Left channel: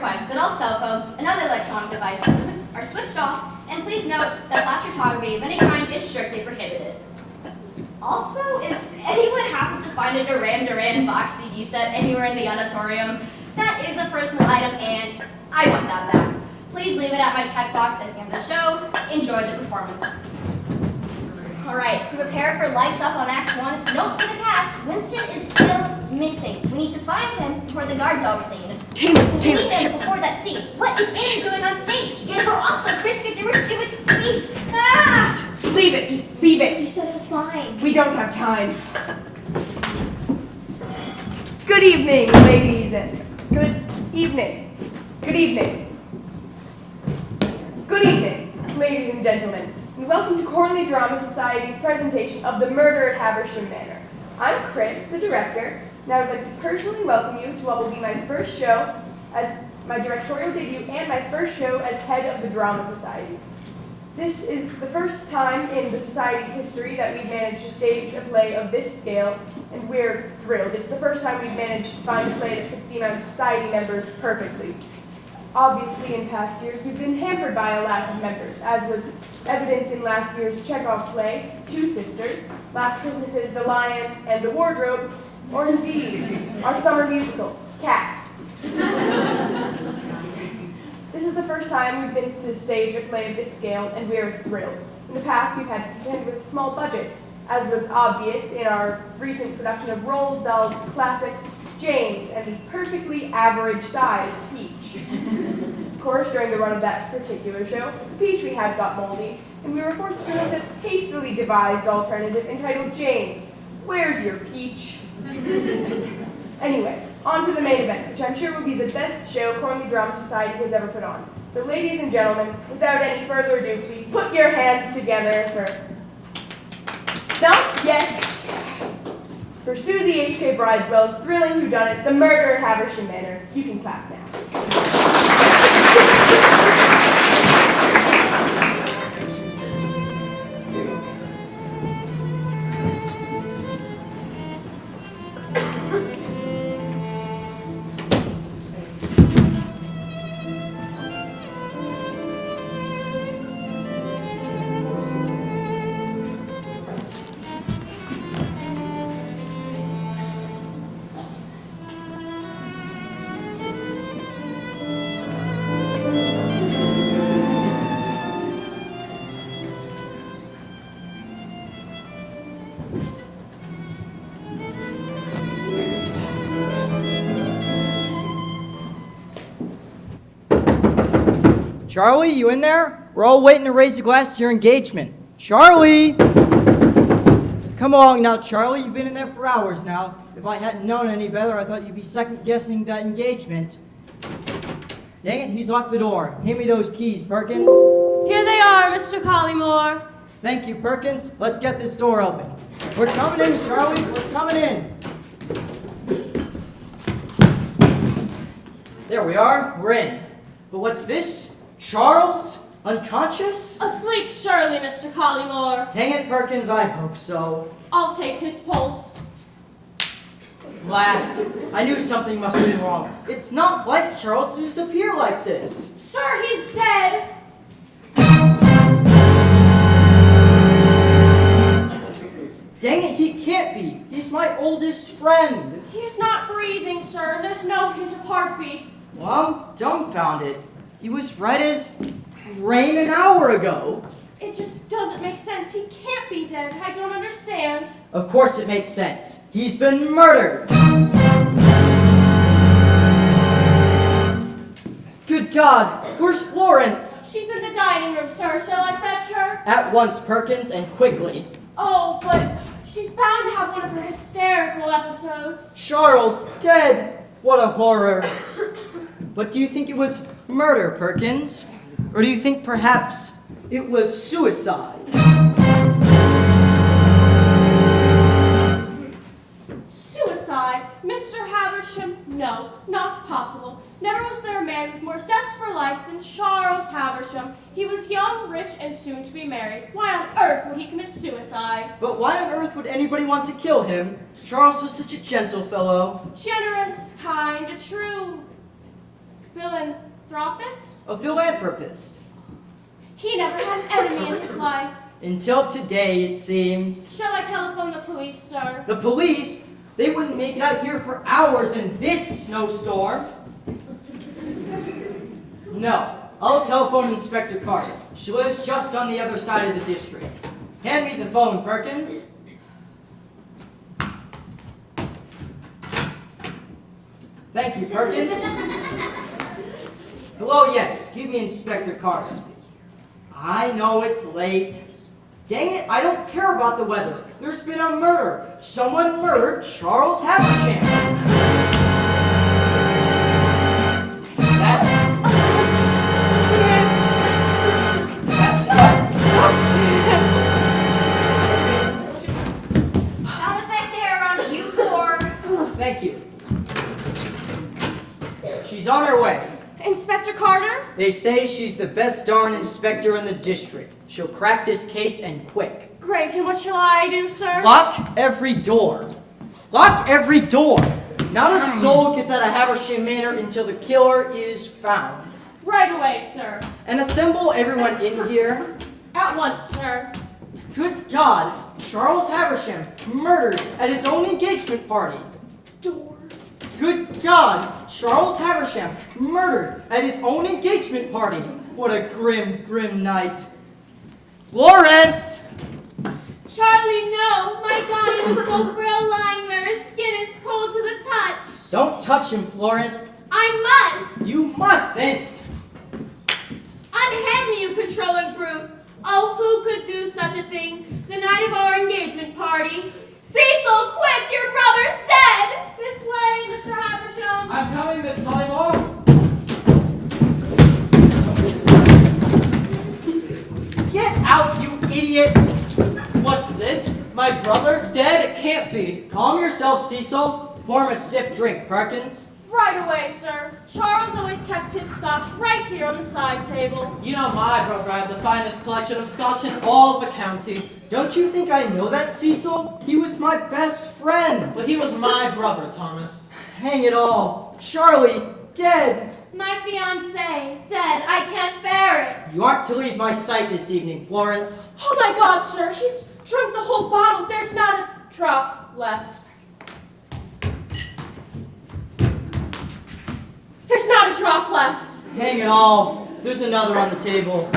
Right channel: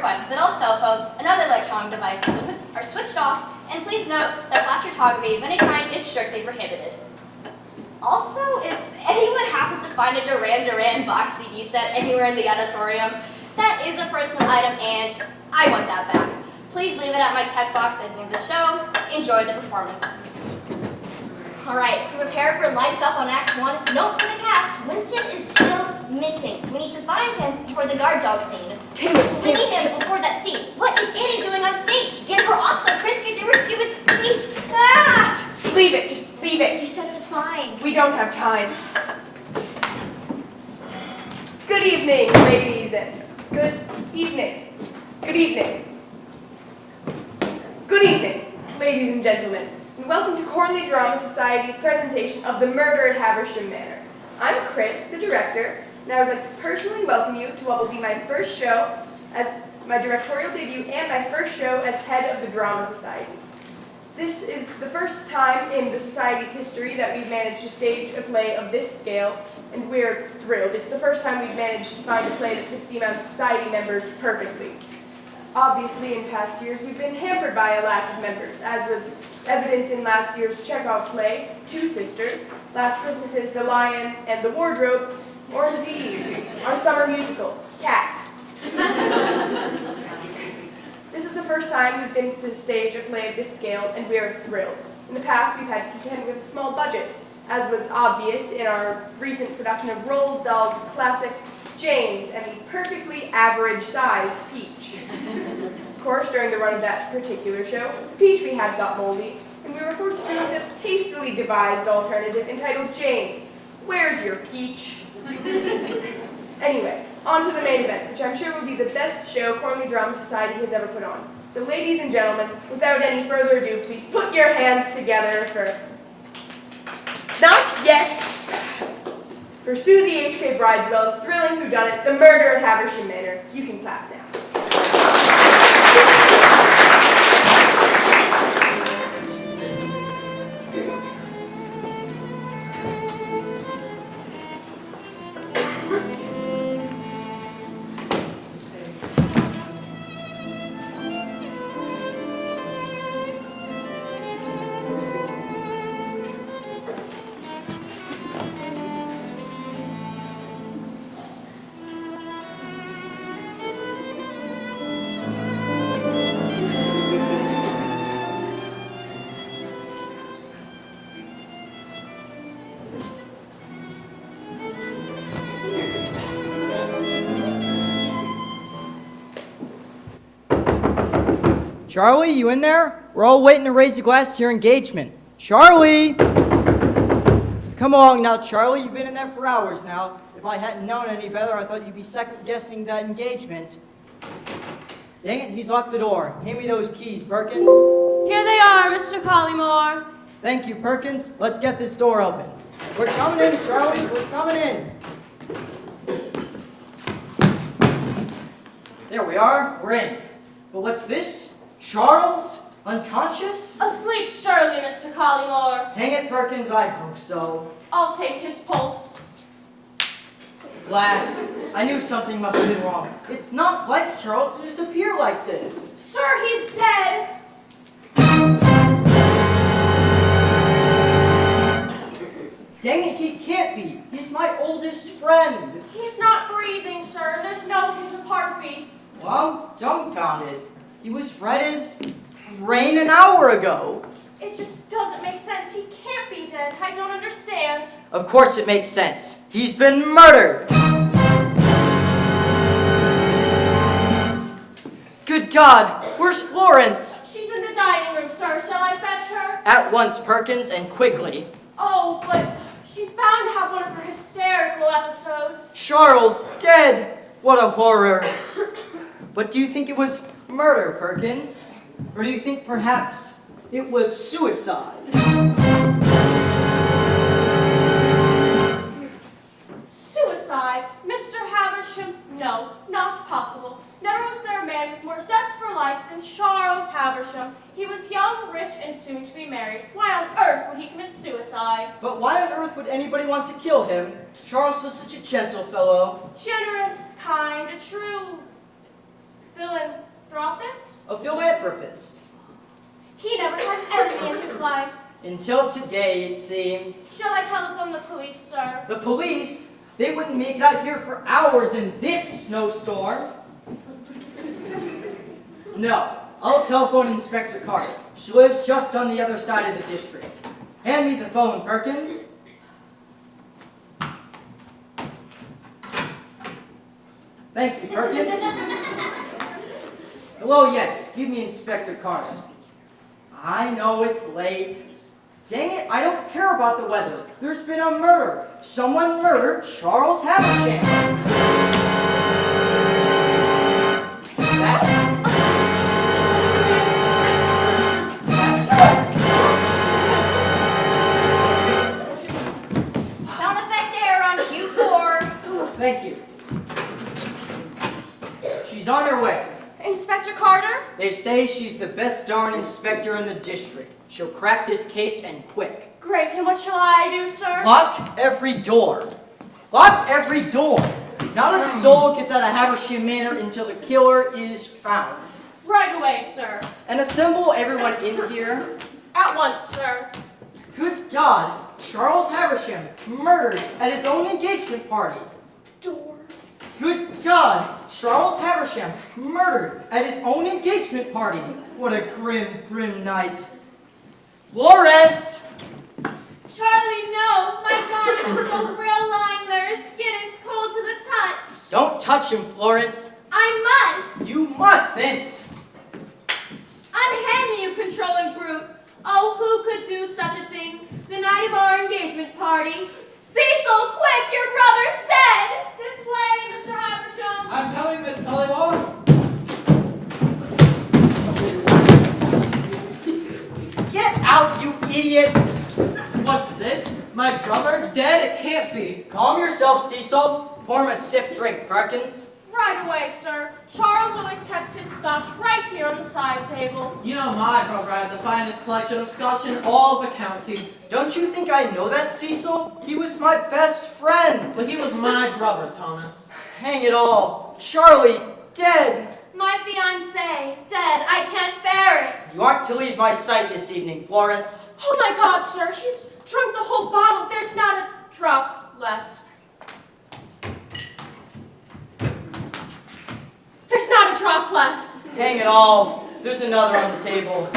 request that all cell phones and other electronic devices are switched off, and please note that flash photography of any kind is strictly prohibited. Also, if anyone happens to find a Duran Duran box CD set anywhere in the auditorium, that is a personal item and I want that back. Please leave it at my tech box at the end of the show. Enjoy the performance. Alright, be prepared for lights up on Act 1. Note for the cast, Winston is still missing. We need to find him before the guard dog scene. Taylor, We need him before that scene. What is Annie doing on stage? Get her off so Chris can do her stupid speech. Ah! Leave it, just leave it. You said it was fine. We don't have time. Good evening, ladies, and good evening. Good evening. Good evening, ladies and gentlemen, and welcome to Corley Drama Society's presentation of The Murder at Haversham Manor. I'm Chris, the director, and I would like to personally welcome you to what will be my first show as my directorial debut and my first show as head of the Drama Society. This is the first time in the Society's history that we've managed to stage a play of this scale, and we're thrilled. It's the first time we've managed to find a play that fits the amount of Society members perfectly. Obviously, in past years, we've been hampered by a lack of members, as was evident in last year's Chekhov play, Two Sisters, last Christmas's The Lion and the Wardrobe, or indeed, our summer musical, Cat. This is the first time we've been to stage a play of this scale, and we are thrilled. In the past, we've had to contend with a small budget, as was obvious in our recent production of Roald Dahl's classic, James and the perfectly average-sized peach. Of course, during the run of that particular show, the peach we had got moldy, and we were forced to bring a hastily devised alternative entitled James, Where's Your Peach? Anyway, on to the main event, which I'm sure will be the best show Corley Drama Society has ever put on. So ladies and gentlemen, without any further ado, please put your hands together for... Not yet! For Susie H.K. Brideswell's thrilling whodunit, The Murder at Haversham Manor. You can clap now. Charlie, you in there? We're all waiting to raise a glass to your engagement. Charlie! Come along now, Charlie. You've been in there for hours now. If I hadn't known any better, I thought you'd be second-guessing that engagement. Dang it, he's locked the door. Hand me those keys, Perkins. Here they are, Mr. Collymore. Thank you, Perkins. Let's get this door open. We're coming in, Charlie. We're coming in. There we are. We're in. But what's this? Charles? Unconscious? Asleep surely, Mr. Collymore. Dang it, Perkins, I hope so. I'll take his pulse. Blast. I knew something must have been wrong. It's not like Charles to disappear like this. Sir, he's dead. Dang it, he can't be. He's my oldest friend. He's not breathing, sir. There's no hint of heartbeats. Well, I'm dumbfounded. He was red as rain an hour ago. It just doesn't make sense. He can't be dead. I don't understand. Of course it makes sense. He's been murdered. Good God, where's Florence? She's in the dining room, sir. Shall I fetch her? At once, Perkins, and quickly. Oh, but she's bound to have one of her hysterical episodes. Charles dead. What a horror. But do you think it was murder, Perkins? Or do you think perhaps it was suicide? Suicide? Mr. Haversham? No, not possible. Never was there a man with more zest for life than Charles Haversham. He was young, rich, and soon to be married. Why on earth would he commit suicide? But why on earth would anybody want to kill him? Charles was such a gentle fellow. Generous, kind, a true villain. Florence? A philanthropist. He never had an enemy in his life. Until today, it seems. Shall I telephone the police, sir? The police? They wouldn't make it out here for hours in this snowstorm. No, I'll telephone Inspector Carter. She lives just on the other side of the district. Hand me the phone, Perkins. Thank you, Perkins. Hello, yes, give me Inspector Carter. I know it's late. Dang it, I don't care about the weather. There's been a murder. Someone murdered Charles Haversham. Sound effect error on Q4. Thank you. She's on her way. Inspector Carter? They say she's the best darn inspector in the district. She'll crack this case and quick. Great, and what shall I do, sir? Lock every door. Lock every door. Not a soul gets out of Haversham Manor until the killer is found. Right away, sir. And assemble everyone in here. At once, sir. Good God, Charles Haversham murdered at his own engagement party. Door. Good God, Charles Haversham murdered at his own engagement party. What a grim, grim night. Florence! Charlie, no! My God, he looks so frail lying there. His skin is cold to the touch. Don't touch him, Florence. I must! You mustn't. Unhand me, you controlling brute. Oh, who could do such a thing? The night of our engagement party. Cecil, quick! Your brother's dead! This way, Mr. Haversham. I'm coming, Miss Polymore. Get out, you idiots! What's this? My brother? Dead? It can't be. Calm yourself, Cecil. Pour him a stiff drink, Perkins. Right away, sir. Charles always kept his scotch right here on the side table. You know my brother had the finest collection of scotch in all the county. Don't you think I know that, Cecil? He was my best friend. But he was my brother, Thomas. Hang it all. Charlie, dead. My fiancé, dead. I can't bear it. You aren't to leave my sight this evening, Florence. Oh my God, sir. He's drunk the whole bottle. There's not a drop left. There's not a drop left. Hang it all. There's another on the table.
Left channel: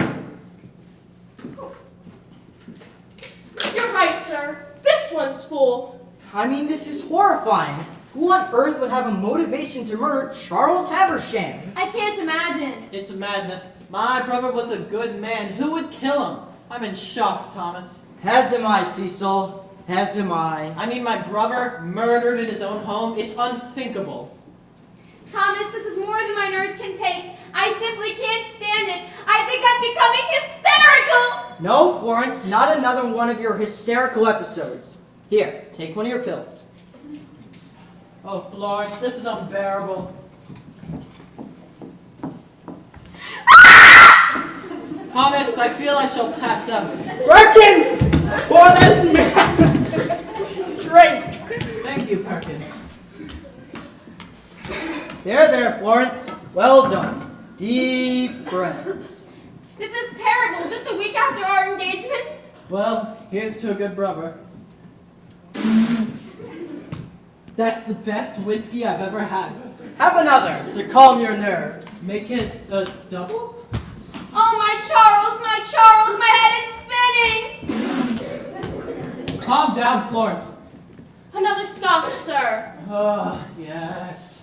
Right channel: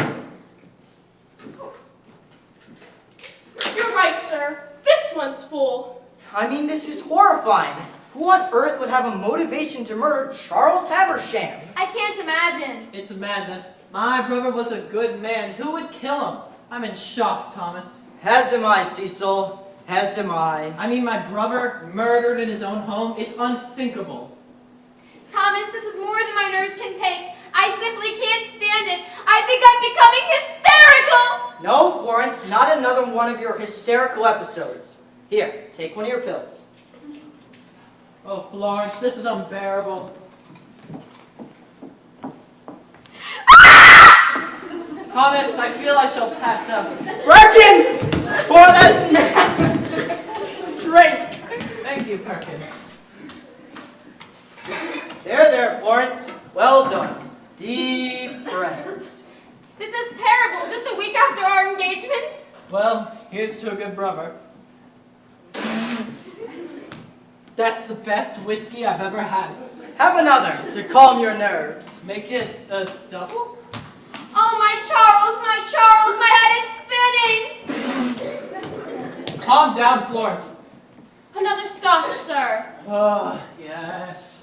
You're right, sir. This one's full. I mean, this is horrifying. Who on earth would have a motivation to murder Charles Haversham? I can't imagine. It's madness. My brother was a good man. Who would kill him? I'm in shock, Thomas. As am I, Cecil. As am I. I mean, my brother murdered in his own home. It's unthinkable. Thomas, this is more than my nerves can take. I simply can't stand it. I think I'm becoming hysterical. No, Florence, not another one of your hysterical episodes. Here, take one of your pills. Oh, Florence, this is unbearable. Thomas, I feel I shall pass out. Perkins! For that man! Drink! Thank you, Perkins. There, Florence. Well done. Deep breaths. This is terrible. Just a week after our engagement. Well, here's to a good brother. That's the best whiskey I've ever had. Have another to calm your nerves. Make it a double? Oh, my Charles, my head is spinning. Calm down, Florence. Another scotch, sir. Oh, yes.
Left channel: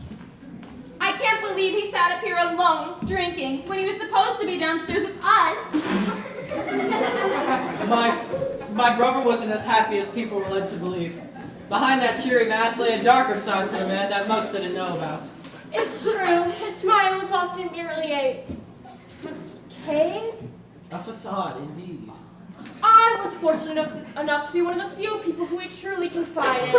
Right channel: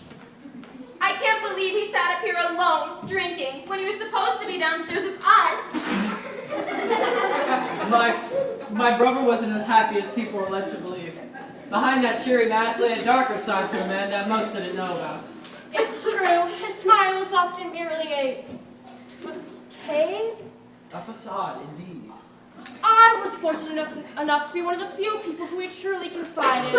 I can't believe he sat up here alone, drinking, when he was supposed to be downstairs with us. My brother wasn't as happy as people were led to believe. Behind that cheery mask lay a darker side to a man that most didn't know about. It's true. His smile was often merely a facade. A facade, indeed. I was fortunate enough to be one of the few people who had truly confided.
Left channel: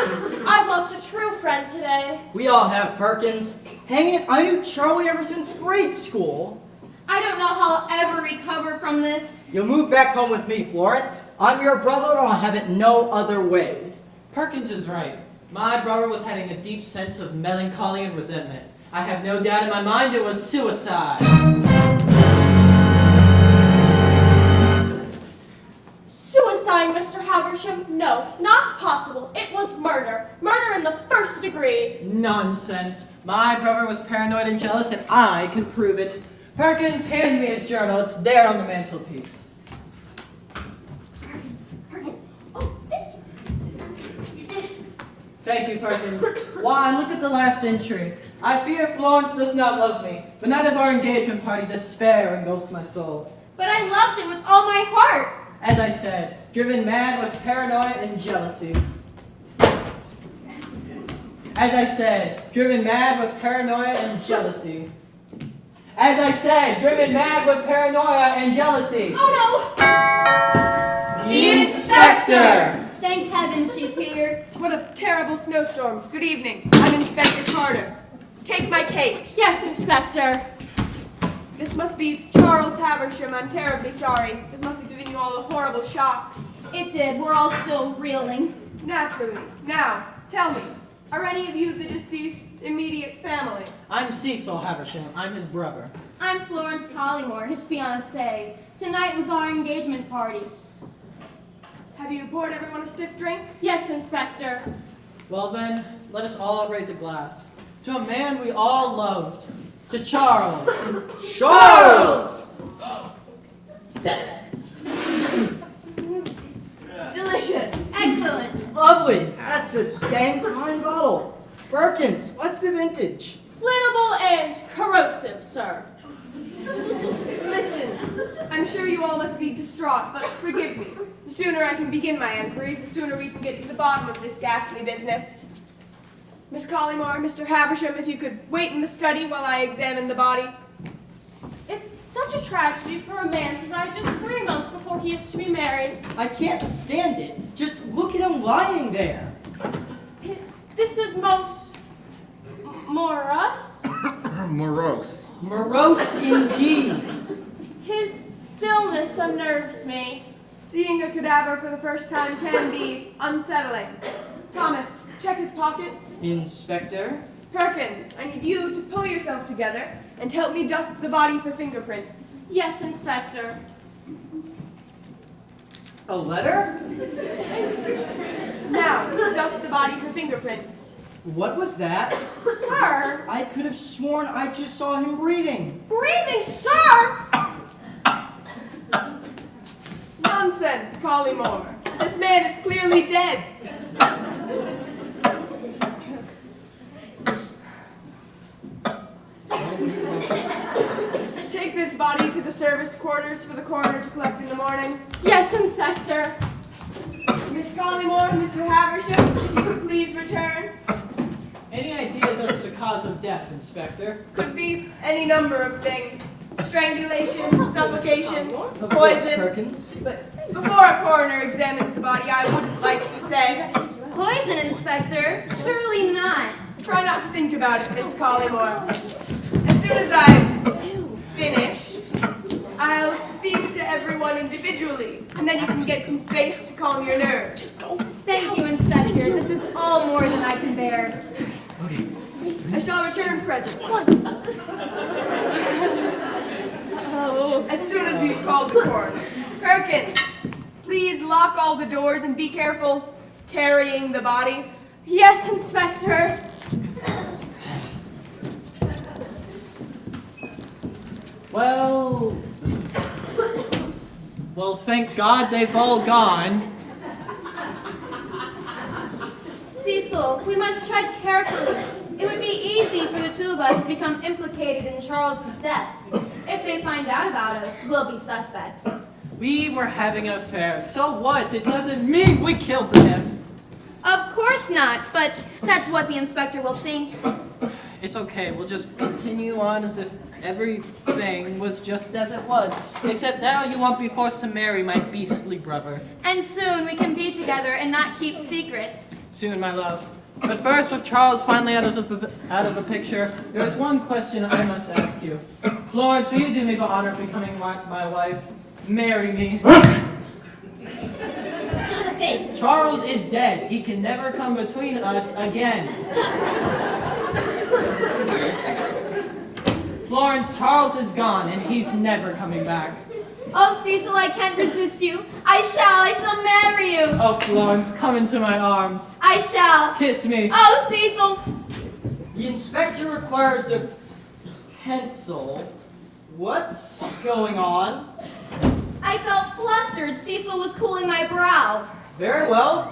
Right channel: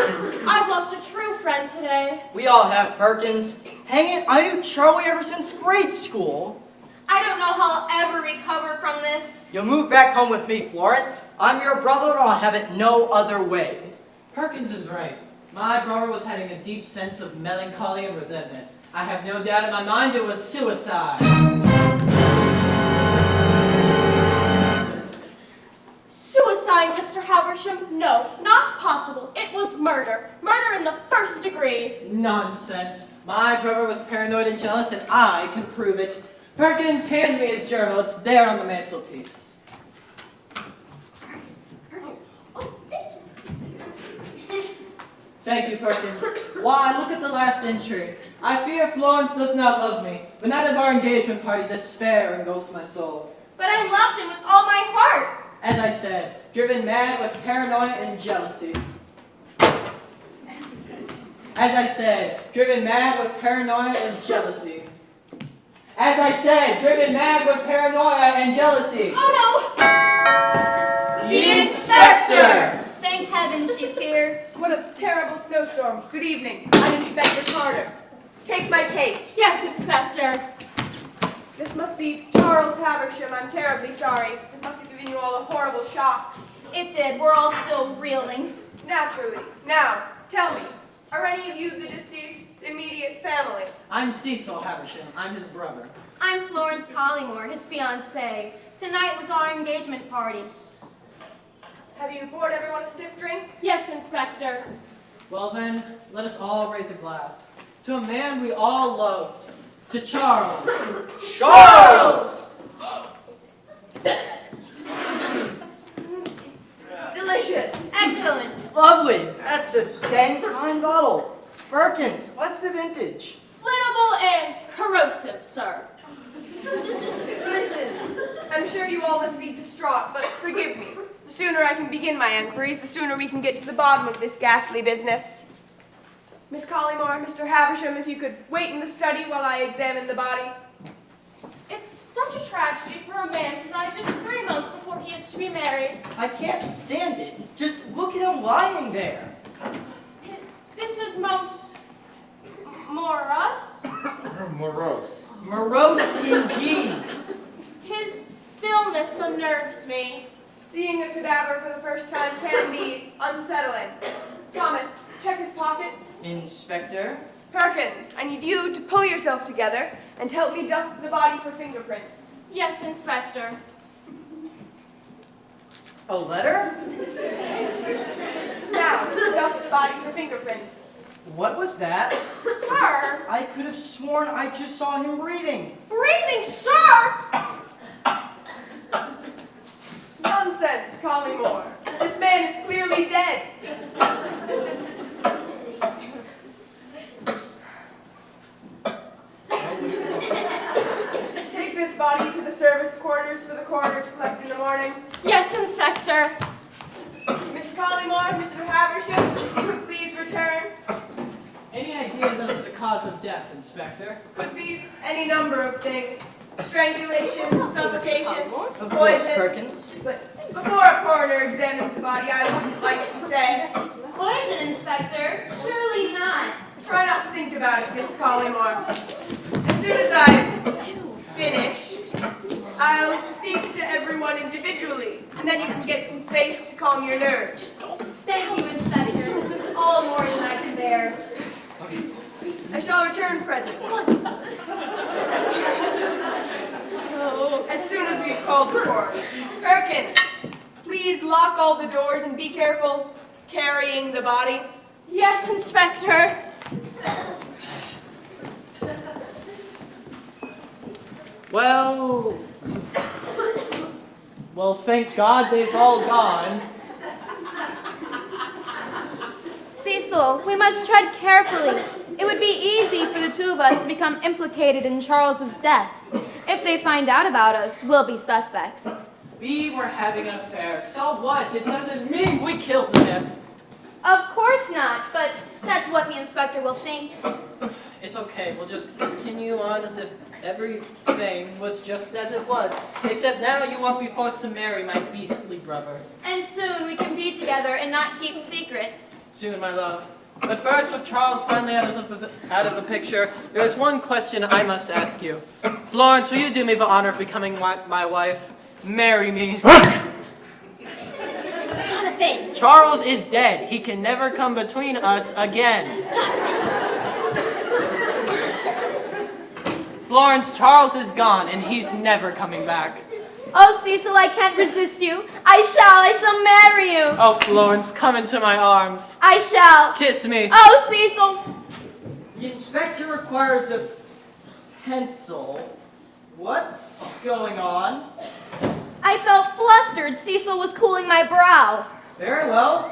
I've lost a true friend today. We all have, Perkins. Hang it, I knew Charlie ever since grade school. I don't know how I'll ever recover from this. You'll move back home with me, Florence. I'm your brother, and I'll have it no other way. Perkins is right. My brother was having a deep sense of melancholy and resentment. I have no doubt in my mind it was suicide. Suicide, Mr. Haversham? No, not possible. It was murder. Murder in the first degree. Nonsense. My brother was paranoid and jealous, and I can prove it. Perkins, hand me his journal. It's there on the mantelpiece. Perkins. Oh, thank you. Thank you, Perkins. Why, look at the last entry. I fear Florence does not love me. The night of our engagement party, despair engulfs my soul. But I loved him with all my heart. As I said, driven mad with paranoia and jealousy. As I said, driven mad with paranoia and jealousy. As I said, driven mad with paranoia and jealousy. Oh no! The inspector! Thank heaven she's here. What a terrible snowstorm. Good evening. I'm Inspector Carter. Take my case. Yes, Inspector. This must be Charles Haversham. I'm terribly sorry. This must have given you all a horrible shock. It did. We're all still reeling. Naturally. Now, tell me, are any of you the deceased's immediate family? I'm Cecil Haversham. I'm his brother. I'm Florence Collymore, his fiancée. Tonight was our engagement party. Have you poured everyone a stiff drink? Yes, Inspector. Well then, let us all raise a glass. To a man we all loved. To Charles. Charles! Delicious. Excellent. Lovely. That's a dang fine bottle. Perkins, what's the vintage? Flammable and corrosive, sir. Listen, I'm sure you all must be distraught, but forgive me. The sooner I can begin my inquiries, the sooner we can get to the bottom of this ghastly business. Miss Collymore, Mr. Haversham, if you could wait in the study while I examine the body. It's such a tragedy for a man to die just 3 months before he is to be married. I can't stand it. Just look at him lying there. This is most morose. Morose. Morose indeed. His stillness unnerves me. Seeing a cadaver for the first time can be unsettling. Thomas, check his pockets. Inspector? Perkins, I need you to pull yourself together and help me dust the body for fingerprints. Yes, Inspector. A letter? Now, dust the body for fingerprints. What was that? Sir! I could have sworn I just saw him breathing. Breathing, sir! Nonsense, Collymore. This man is clearly dead. Take this body to the service quarters for the coroner to collect in the morning. Yes, Inspector. Miss Collymore, Mr. Haversham, if you could please return. Any ideas as to the cause of death, Inspector? Could be any number of things. Strangulation, suffocation, Of course, poison. Perkins. But before a coroner examines the body, I wouldn't like to say. Poison, Inspector? Surely not. Try not to think about it, Miss Collymore. As soon as I've finished, I'll speak to everyone individually, and then you can get some space to calm your nerves. Thank you, Inspector. This is all more than I can bear. I shall return presently. As soon as we've called the coroner. Perkins, please lock all the doors and be careful carrying the body. Yes, Inspector. Well, thank God they've all gone. Cecil, we must tread carefully. It would be easy for the two of us to become implicated in Charles's death. If they find out about us, we'll be suspects. We were having an affair, so what? It doesn't mean we killed the man. Of course not, but that's what the inspector will think. It's okay, we'll just continue on as if everything was just as it was. Except now you won't be forced to marry my beastly brother. And soon we can be together and not keep secrets. Soon, my love. But first, with Charles finally out of the picture, there was one question I must ask you. Florence, will you do me the honor of becoming my wife? Marry me. Jonathan! Charles is dead. He can never come between us again. Florence, Charles is gone, and he's never coming back. Oh, Cecil, I can't resist you. I shall marry you. Oh, Florence, come into my arms. I shall. Kiss me. Oh, Cecil. The inspector requires a pencil. What's going on? I felt flustered. Cecil was cooling my brow. Very well.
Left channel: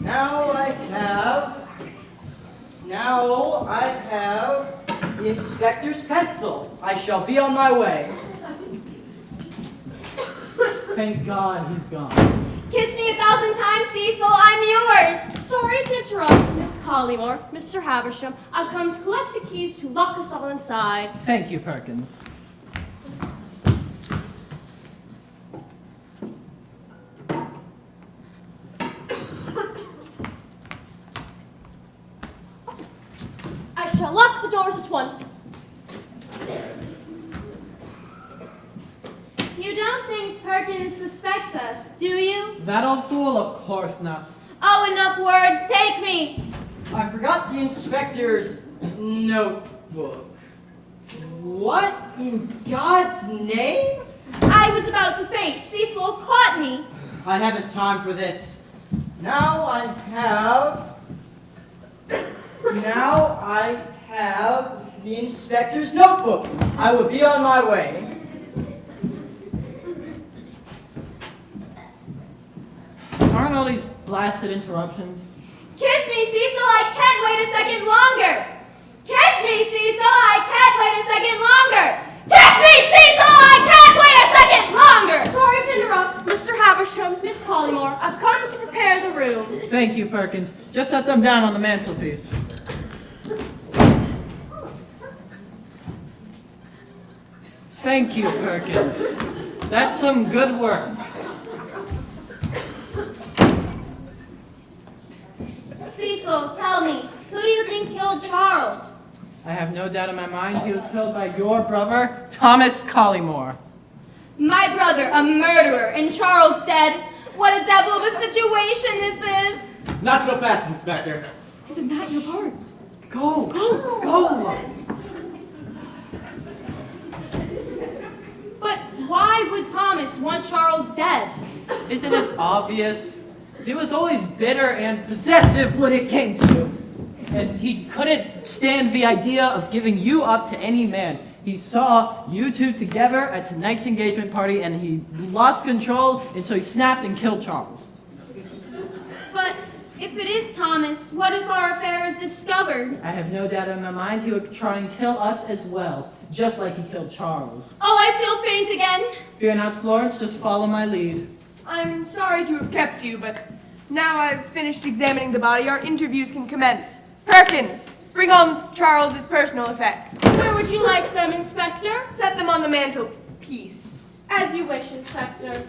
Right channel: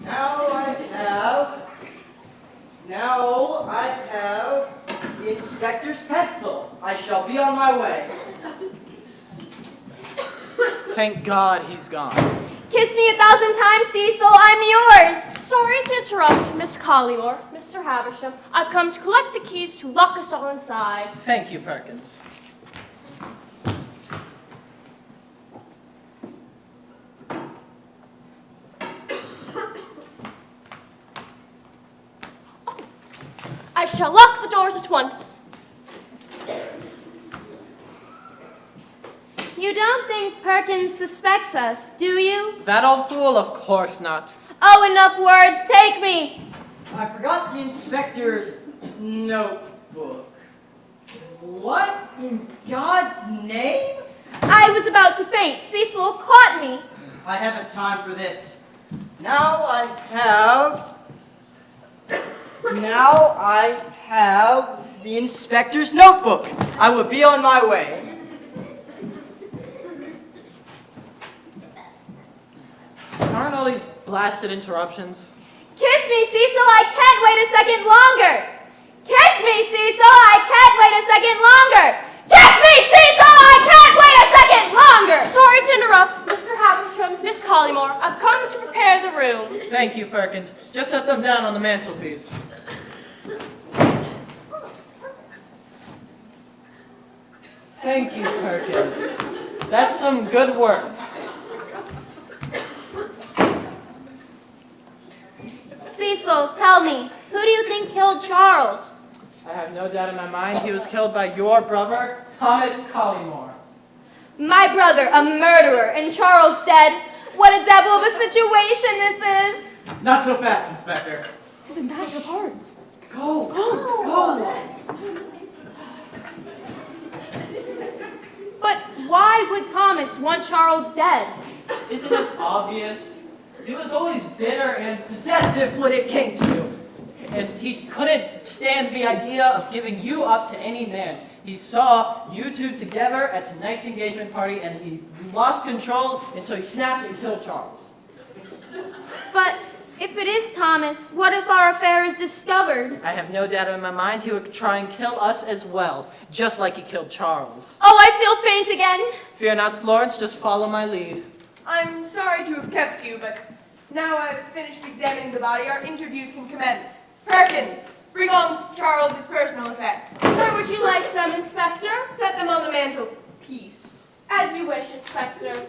Now I have the inspector's pencil. I shall be on my way. Thank God he's gone. Kiss me 1,000 times, Cecil. I'm yours. Sorry to interrupt, Miss Collymore, Mr. Havisham. I've come to collect the keys to lock us all inside. Thank you, Perkins. I shall lock the doors at once. You don't think Perkins suspects us, do you? That old fool? Of course not. Oh, enough words. Take me. I forgot the inspector's notebook. What in God's name? I was about to faint. Cecil caught me. I haven't time for this. Now I have the inspector's notebook. I will be on my way. Aren't all these blasted interruptions? Kiss me, Cecil. I can't wait a second longer. Kiss me, Cecil. I can't wait a second longer. Kiss me, Cecil. I can't wait a second longer. Sorry to interrupt, Mr. Havisham, Miss Collymore. I've come to prepare the room. Thank you, Perkins. Just set them down on the mantelpiece. Thank you, Perkins. That's some good work. Cecil, tell me, who do you think killed Charles? I have no doubt in my mind he was killed by your brother, Thomas Collymore. My brother, a murderer, and Charles dead. What a devil of a situation this is. Not so fast, Inspector. Isn't that your part? Go. But why would Thomas want Charles dead? Isn't it obvious? He was always bitter and possessive when it came to you. And he couldn't stand the idea of giving you up to any man. He saw you two together at tonight's engagement party and he lost control, and so he snapped and killed Charles. But if it is Thomas, what if our affair is discovered? I have no doubt in my mind he would try and kill us as well, just like he killed Charles. Oh, I feel faint again. Fear not, Florence, just follow my lead. I'm sorry to have kept you, but now I've finished examining the body, our interviews can commence. Perkins, bring home Charles's personal effects. Where would you like them, Inspector? Set them on the mantelpiece. As you wish, Inspector.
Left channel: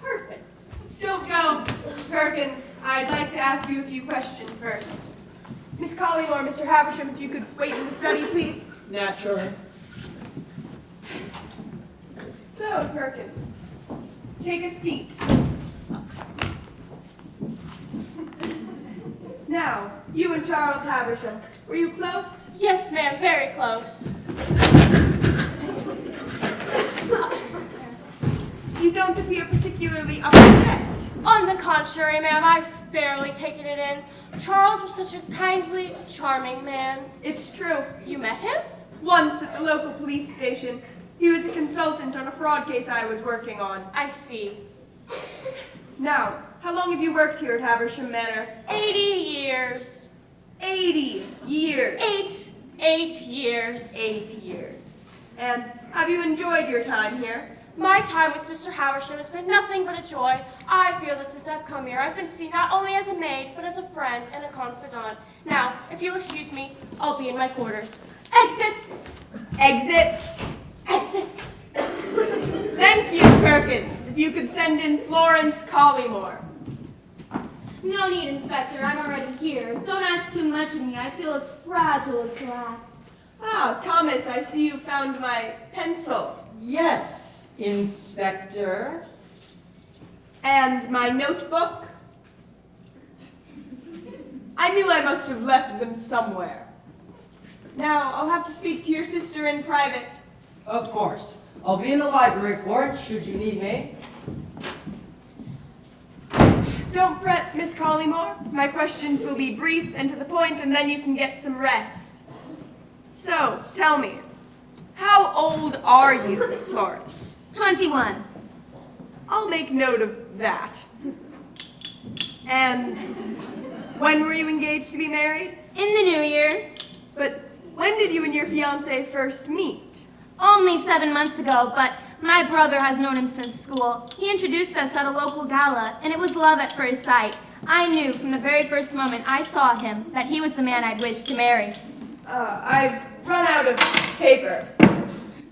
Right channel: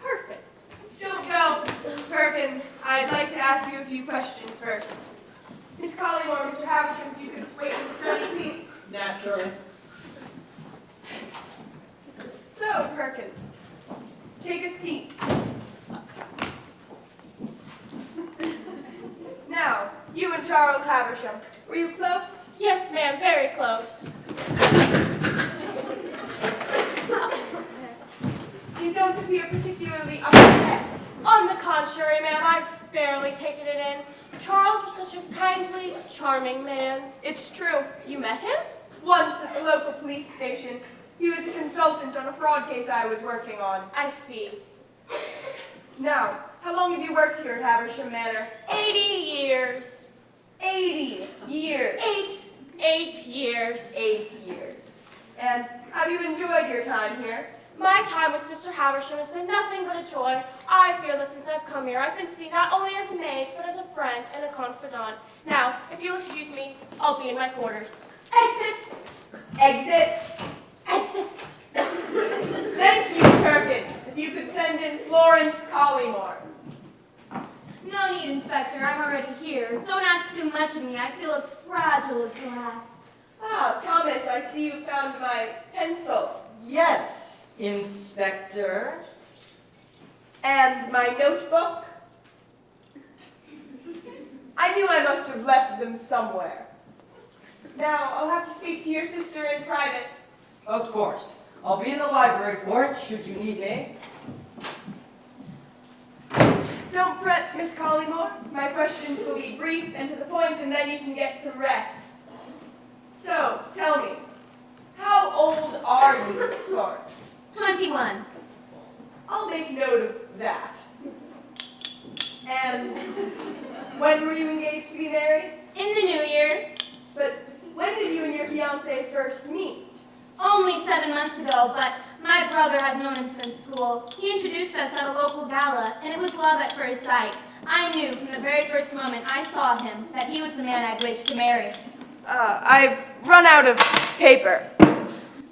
Perfect. Don't go, Perkins. I'd like to ask you a few questions first. Miss Collymore, Mr. Havisham, if you could wait in the study, please. Naturally. So, Perkins, take a seat. Now, you and Charles Havisham, were you close? Yes, ma'am, very close. You don't appear particularly upset. On the contrary, ma'am, I've barely taken it in. Charles was such a kindly, charming man. It's true. You met him? Once at the local police station, he was a consultant on a fraud case I was working on. I see. Now, how long have you worked here at Havisham Manor? 80 years. 80 years. 8 years. 8 years. And have you enjoyed your time here? My time with Mr. Havisham has been nothing but a joy. I feel that since I've come here, I've been seen not only as a maid, but as a friend and a confidant. Now, if you'll excuse me, I'll be in my quarters. Exits! Exits. Exits! Thank you, Perkins. If you could send in Florence Collymore. No need, Inspector. I'm already here. Don't ask too much of me. I feel as fragile as glass. Ah, Thomas, I see you found my pencil. Yes, Inspector. And my notebook. I knew I must have left them somewhere. Now, I'll have to speak to your sister in private. Of course. I'll be in the library, Florence, should you need me. Don't fret, Miss Collymore. My questions will be brief and to the point, and then you can get some rest. So, tell me, how old are you, Florence? 21. I'll make note of that. And when were you engaged to be married? In the new year. But when did you and your fiancé first meet? Only 7 months ago, but my brother has known him since school. He introduced us at a local gala, and it was love at first sight. I knew from the very first moment I saw him that he was the man I'd wish to marry. I've run out of paper.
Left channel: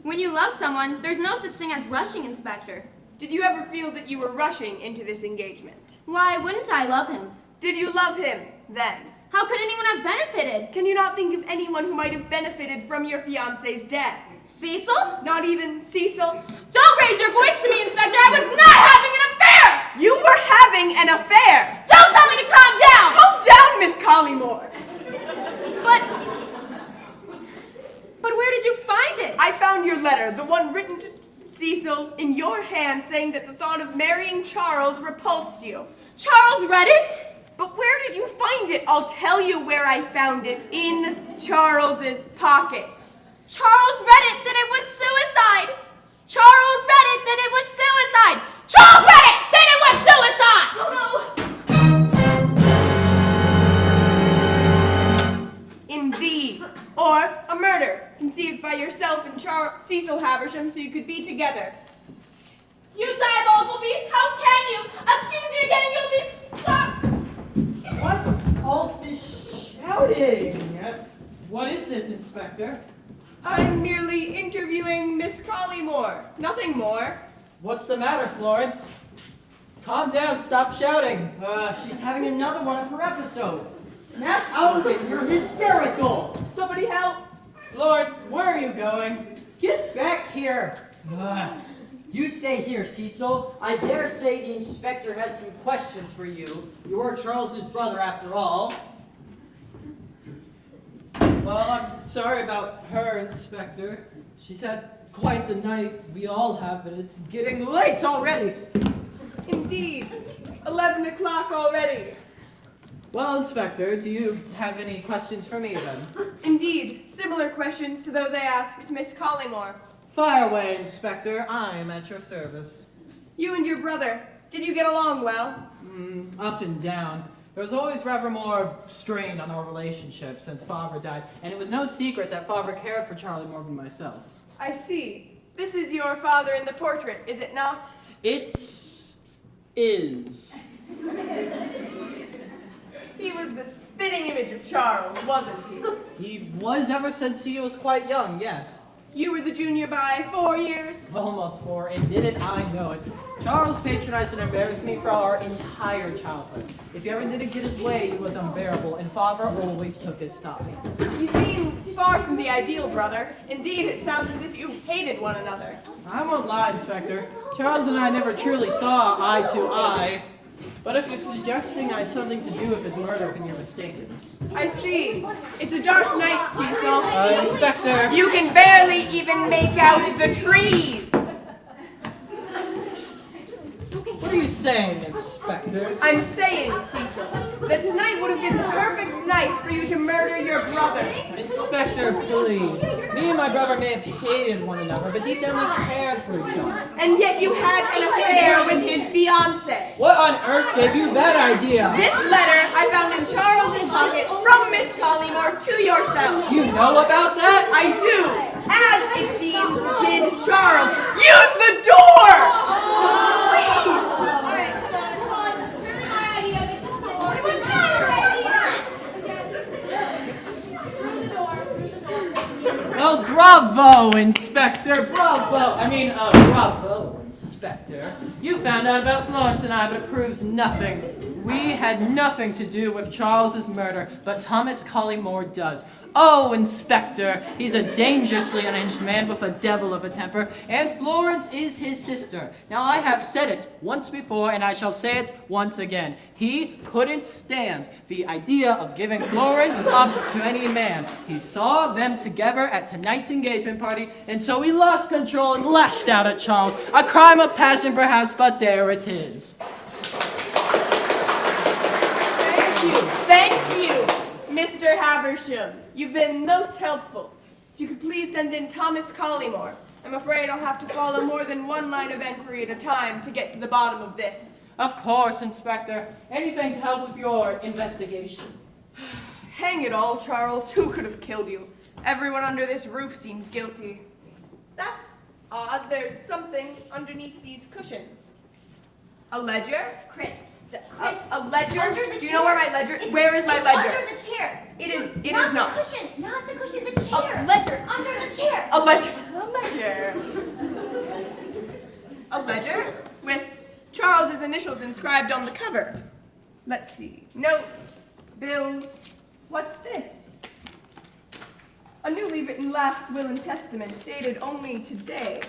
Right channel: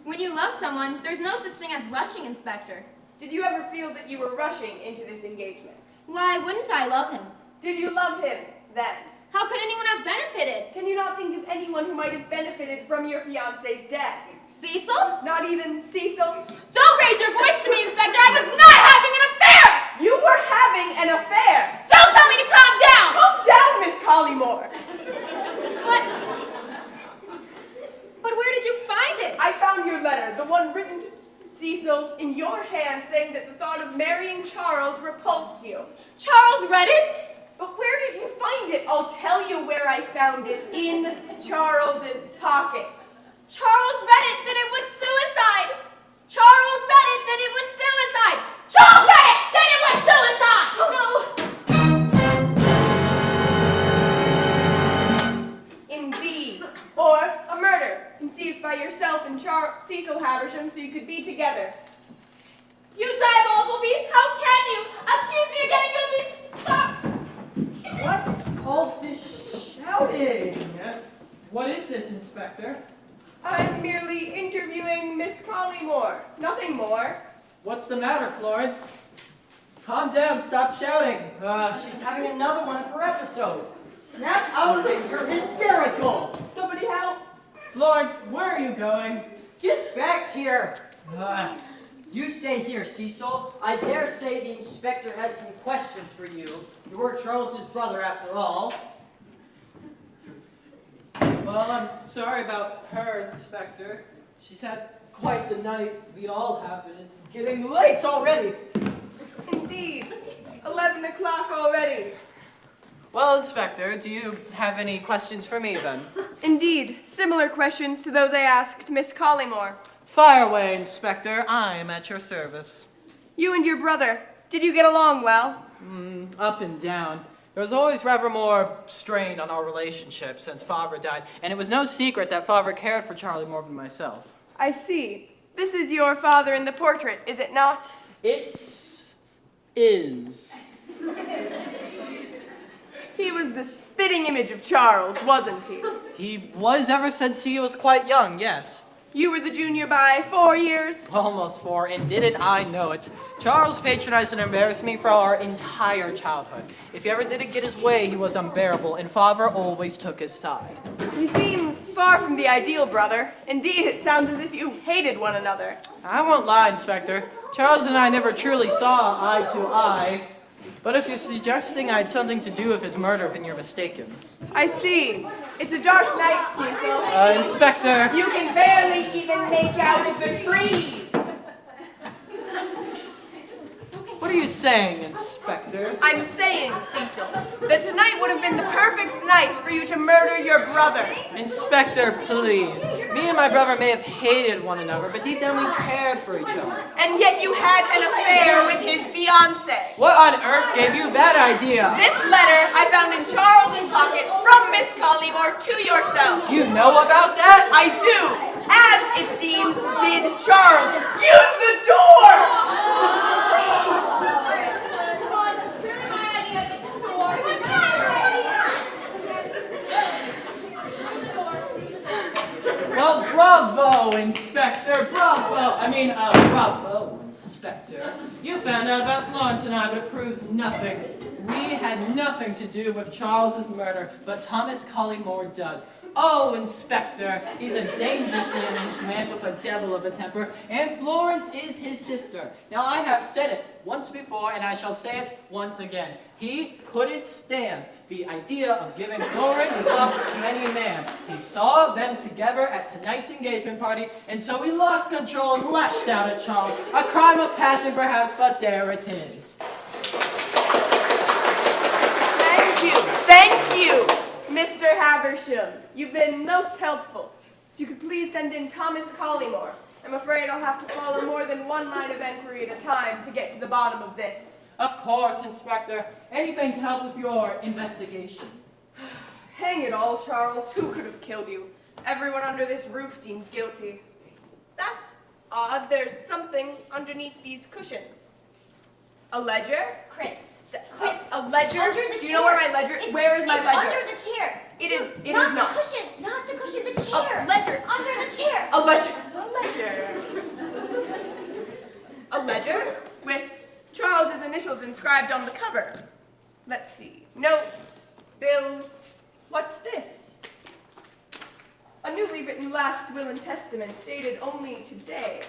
When you love someone, there's no such thing as rushing, Inspector. Did you ever feel that you were rushing into this engagement? Why wouldn't I love him? Did you love him then? How could anyone have benefited? Can you not think of anyone who might have benefited from your fiancé's death? Cecil? Not even Cecil? Don't raise your voice to me, Inspector! I was not having an affair! You were having an affair! Don't tell me to calm down! Calm down, Miss Collymore! But where did you find it? I found your letter, the one written to Cecil, in your hand, saying that the thought of marrying Charles repulsed you. Charles read it? But where did you find it? I'll tell you where I found it. In Charles's pocket. Charles read it, then it was suicide! Charles read it, then it was suicide! Charles read it, then it was suicide! Oh no! Indeed. Or a murder, conceived by yourself and Cecil Haversham so you could be together. You diabolical beast, how can you accuse me again and you'll be so... What's all this shouting? What is this, Inspector? I'm merely interviewing Miss Collymore. Nothing more. What's the matter, Florence? Calm down, stop shouting. She's having another one of her episodes. Snap out of it, you're hysterical. Somebody help. Florence, where are you going? Get back here. You stay here, Cecil. I dare say the inspector has some questions for you. You're Charles's brother, after all. Well, I'm sorry about her, Inspector. She's had quite the night we all have, and it's getting late already. Indeed. 11 o'clock already. Well, Inspector, do you have any questions for me, then? Indeed. Similar questions to those I asked Miss Collymore. Fire away, Inspector. I am at your service. You and your brother, did you get along well? Up and down. There was always rather more strain on our relationship since Father died, and it was no secret that Father cared for Charlie more than myself. I see. This is your father in the portrait, is it not? It is. He was the spitting image of Charles, wasn't he? He was ever since he was quite young, yes. You were the junior by 4 years? Almost 4, and didn't I know it. Charles patronized and embarrassed me for our entire childhood. If he ever didn't get his way, he was unbearable, and Father always took his side. You seem far from the ideal, brother. Indeed, it sounds as if you hated one another. I won't lie, Inspector. Charles and I never truly saw eye to eye. But if you're suggesting I had something to do with his murder, then you're mistaken. I see. It's a dark night, Cecil. Inspector! You can barely even make out the trees. What are you saying, Inspector? I'm saying, Cecil, that tonight would have been the perfect night for you to murder your brother. Inspector, please. Me and my brother may have hated one another, but deep down we cared for each other. And yet you had an affair with his fiancée. What on earth gave you that idea? This letter I found in Charles's pocket from Miss Collymore to yourself. You know about that? I do, as it seems did Charles. Use the door! Well, bravo, Inspector, bravo. Bravo, Inspector. You found out about Florence and I, but it proves nothing. We had nothing to do with Charles's murder, but Thomas Collymore does. Oh, Inspector, he's a dangerously arranged man with a devil of a temper, and Florence is his sister. Now, I have said it once before, and I shall say it once again. He couldn't stand the idea of giving Florence up to any man. He saw them together at tonight's engagement party, and so he lost control and lashed out at Charles. A crime of passion, perhaps, but there it is. Thank you, Mr. Haversham. You've been most helpful. If you could please send in Thomas Collymore. I'm afraid I'll have to follow more than one line of inquiry at a time to get to the bottom of this. Of course, Inspector. Anything to help with your investigation. Hang it all, Charles. Who could have killed you? Everyone under this roof seems guilty. That's odd. There's something underneath these cushions. A ledger? Chris. A ledger? Under the chair. Do you know where my ledger? Where is my ledger? Under the chair. It is not not. the cushion. Not the cushion. The chair. A ledger. Under the chair. A ledger. A ledger with Charles's initials inscribed on the cover. Let's see. Notes, bills. What's this? A newly written last will and testament dated only today.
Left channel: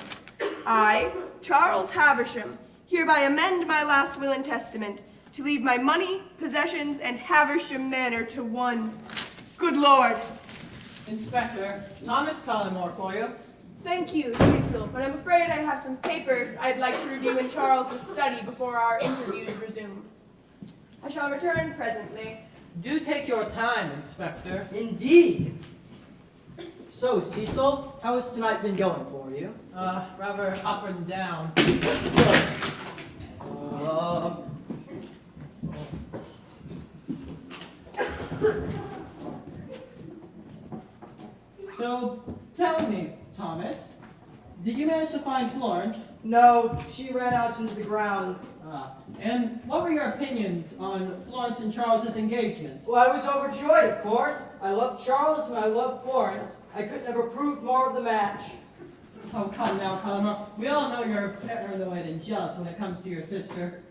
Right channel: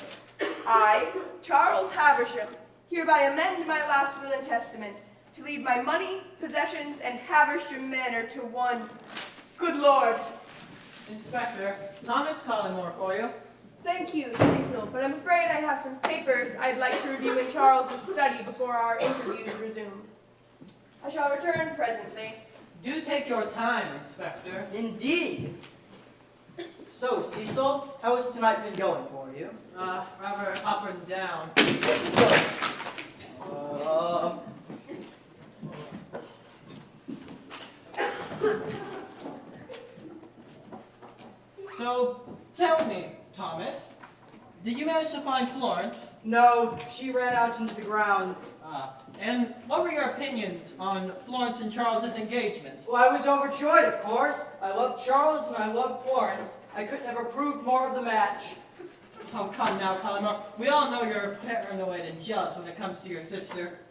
I, Charles Haversham, hereby amend my last will and testament to leave my money, possessions, and Haversham Manor to one. Good Lord. Inspector, Thomas Collymore for you. Thank you, Cecil, but I'm afraid I have some papers I'd like to review in Charles's study before our interviews resume. I shall return presently. Do take your time, Inspector. Indeed. So, Cecil, how has tonight been going for you? Rather up and down. So, tell me, Thomas, did you manage to find Florence? No, she ran out into the grounds. And what were your opinions on Florence and Charles's engagement? Well, I was overjoyed, of course. I love Charles and I love Florence. I couldn't have approved more of the match. Oh, come now, Collymore. We all know you're paranoid and jealous when it comes to your sister.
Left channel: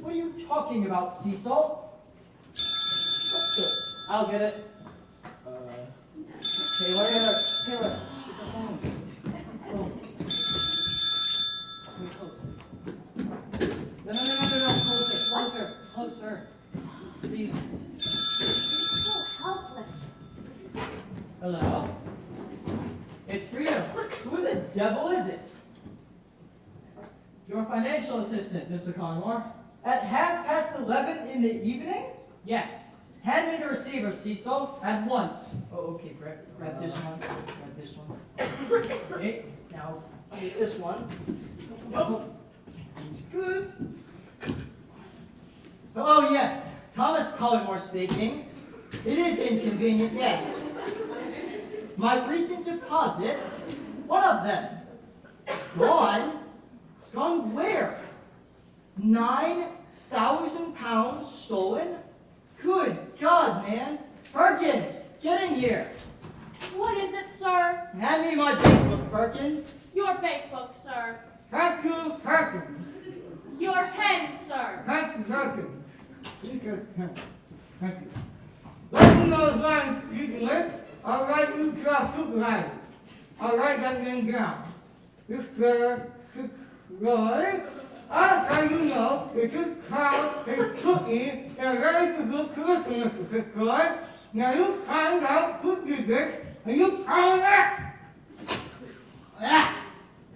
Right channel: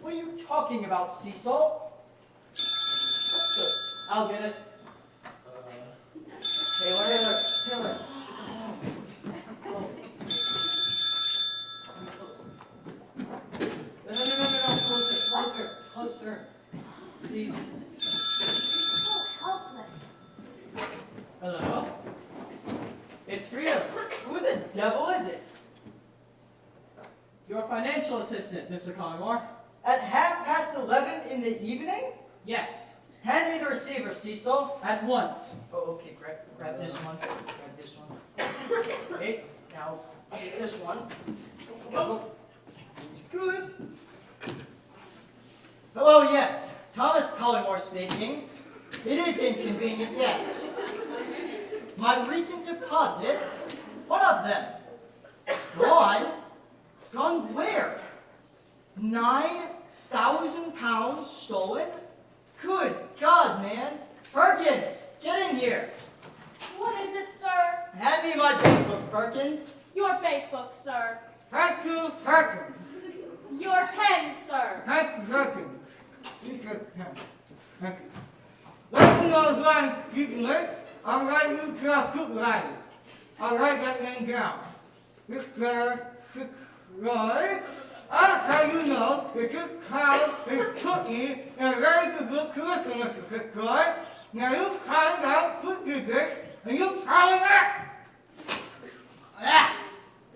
What are you talking about, Cecil? I'll get it. Taylor. Closer. Please. So helpless. Hello? It's for you. Who the devil is it? Your financial assistant, Mr. Collymore. At 11:30 in the evening? Yes. Hand me the receiver, Cecil. At once. Oh, okay, grab this one. Grab this one. Okay, now take this one. Oh, it's good. Hello, yes. Thomas Collymore speaking. It is inconvenient, yes. My recent deposits, one of them, gone. Gone where? 9,000 pounds stolen? Good God, man. Perkins, get in here. What is it, sir? Hand me my bankbook, Perkins. Your bank book, sir. Perkins. Your pen, sir. Perkins. Let me know line you can learn. I'll write you to a supervisor. I'll write that name down. Mr. Roy, I'll tell you know that this child is cooking and ready to go curriculum, Mr. Roy. Now you find out who did this, and you find out.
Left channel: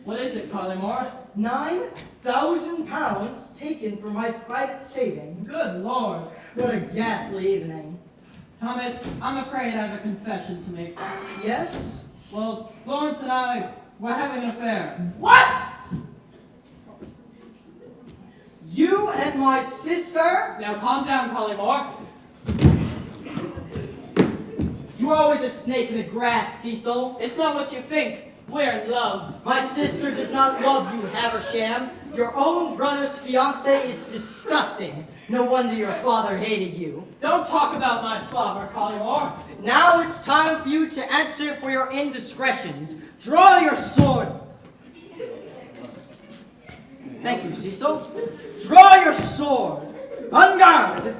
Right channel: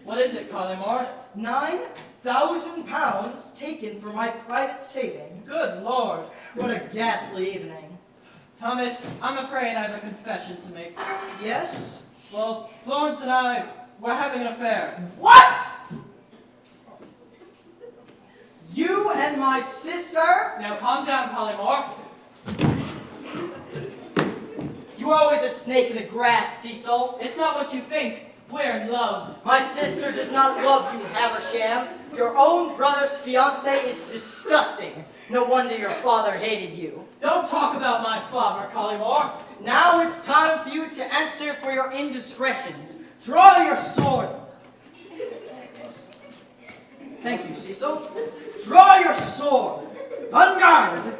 What is it, Collymore? 9,000 pounds taken from my private savings. Good Lord. What a ghastly evening. Thomas, I'm afraid I have a confession to make. Yes? Well, Florence and I were having an affair. What? You and my sister? Now calm down, Collymore. You're always a snake in the grass, Cecil. It's not what you think. We're in love. My sister does not love you, Haversham. Your own brother's fiancé, it's disgusting. No wonder your father hated you. Don't talk about my father, Collymore. Now it's time for you to answer for your indiscretions. Draw your sword. Thank you, Cecil. Draw your sword. On guard.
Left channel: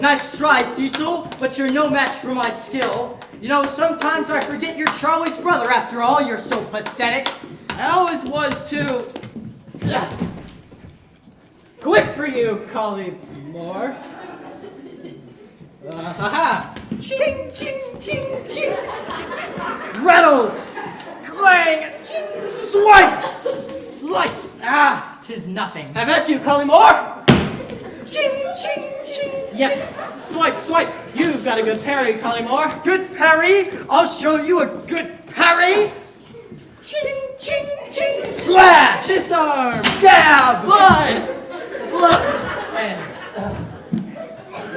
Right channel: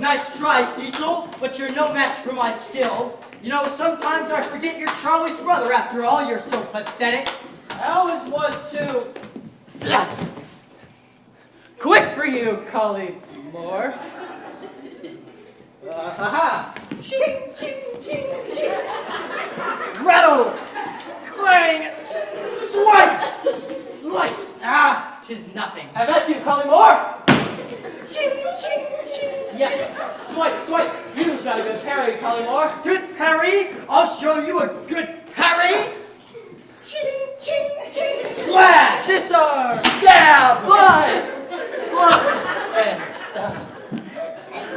Nice try, Cecil, but you're no match for my skill. You know, sometimes I forget you're Charlie's brother after all. You're so pathetic. I always was too. Quick for you, Collie Moore. Aha! Ching, ching, ching, ching. Rattle! Clang! Swipe! Slice! Ah, 'tis nothing. I bet you, Collie Moore. Ching, ching, ching. Yes. Swipe, swipe. You've got a good parry, Collie Moore. Good parry? I'll show you a good parry. Ching, ching, ching. Slash! Disarm. Stab! Blood. Blood. And,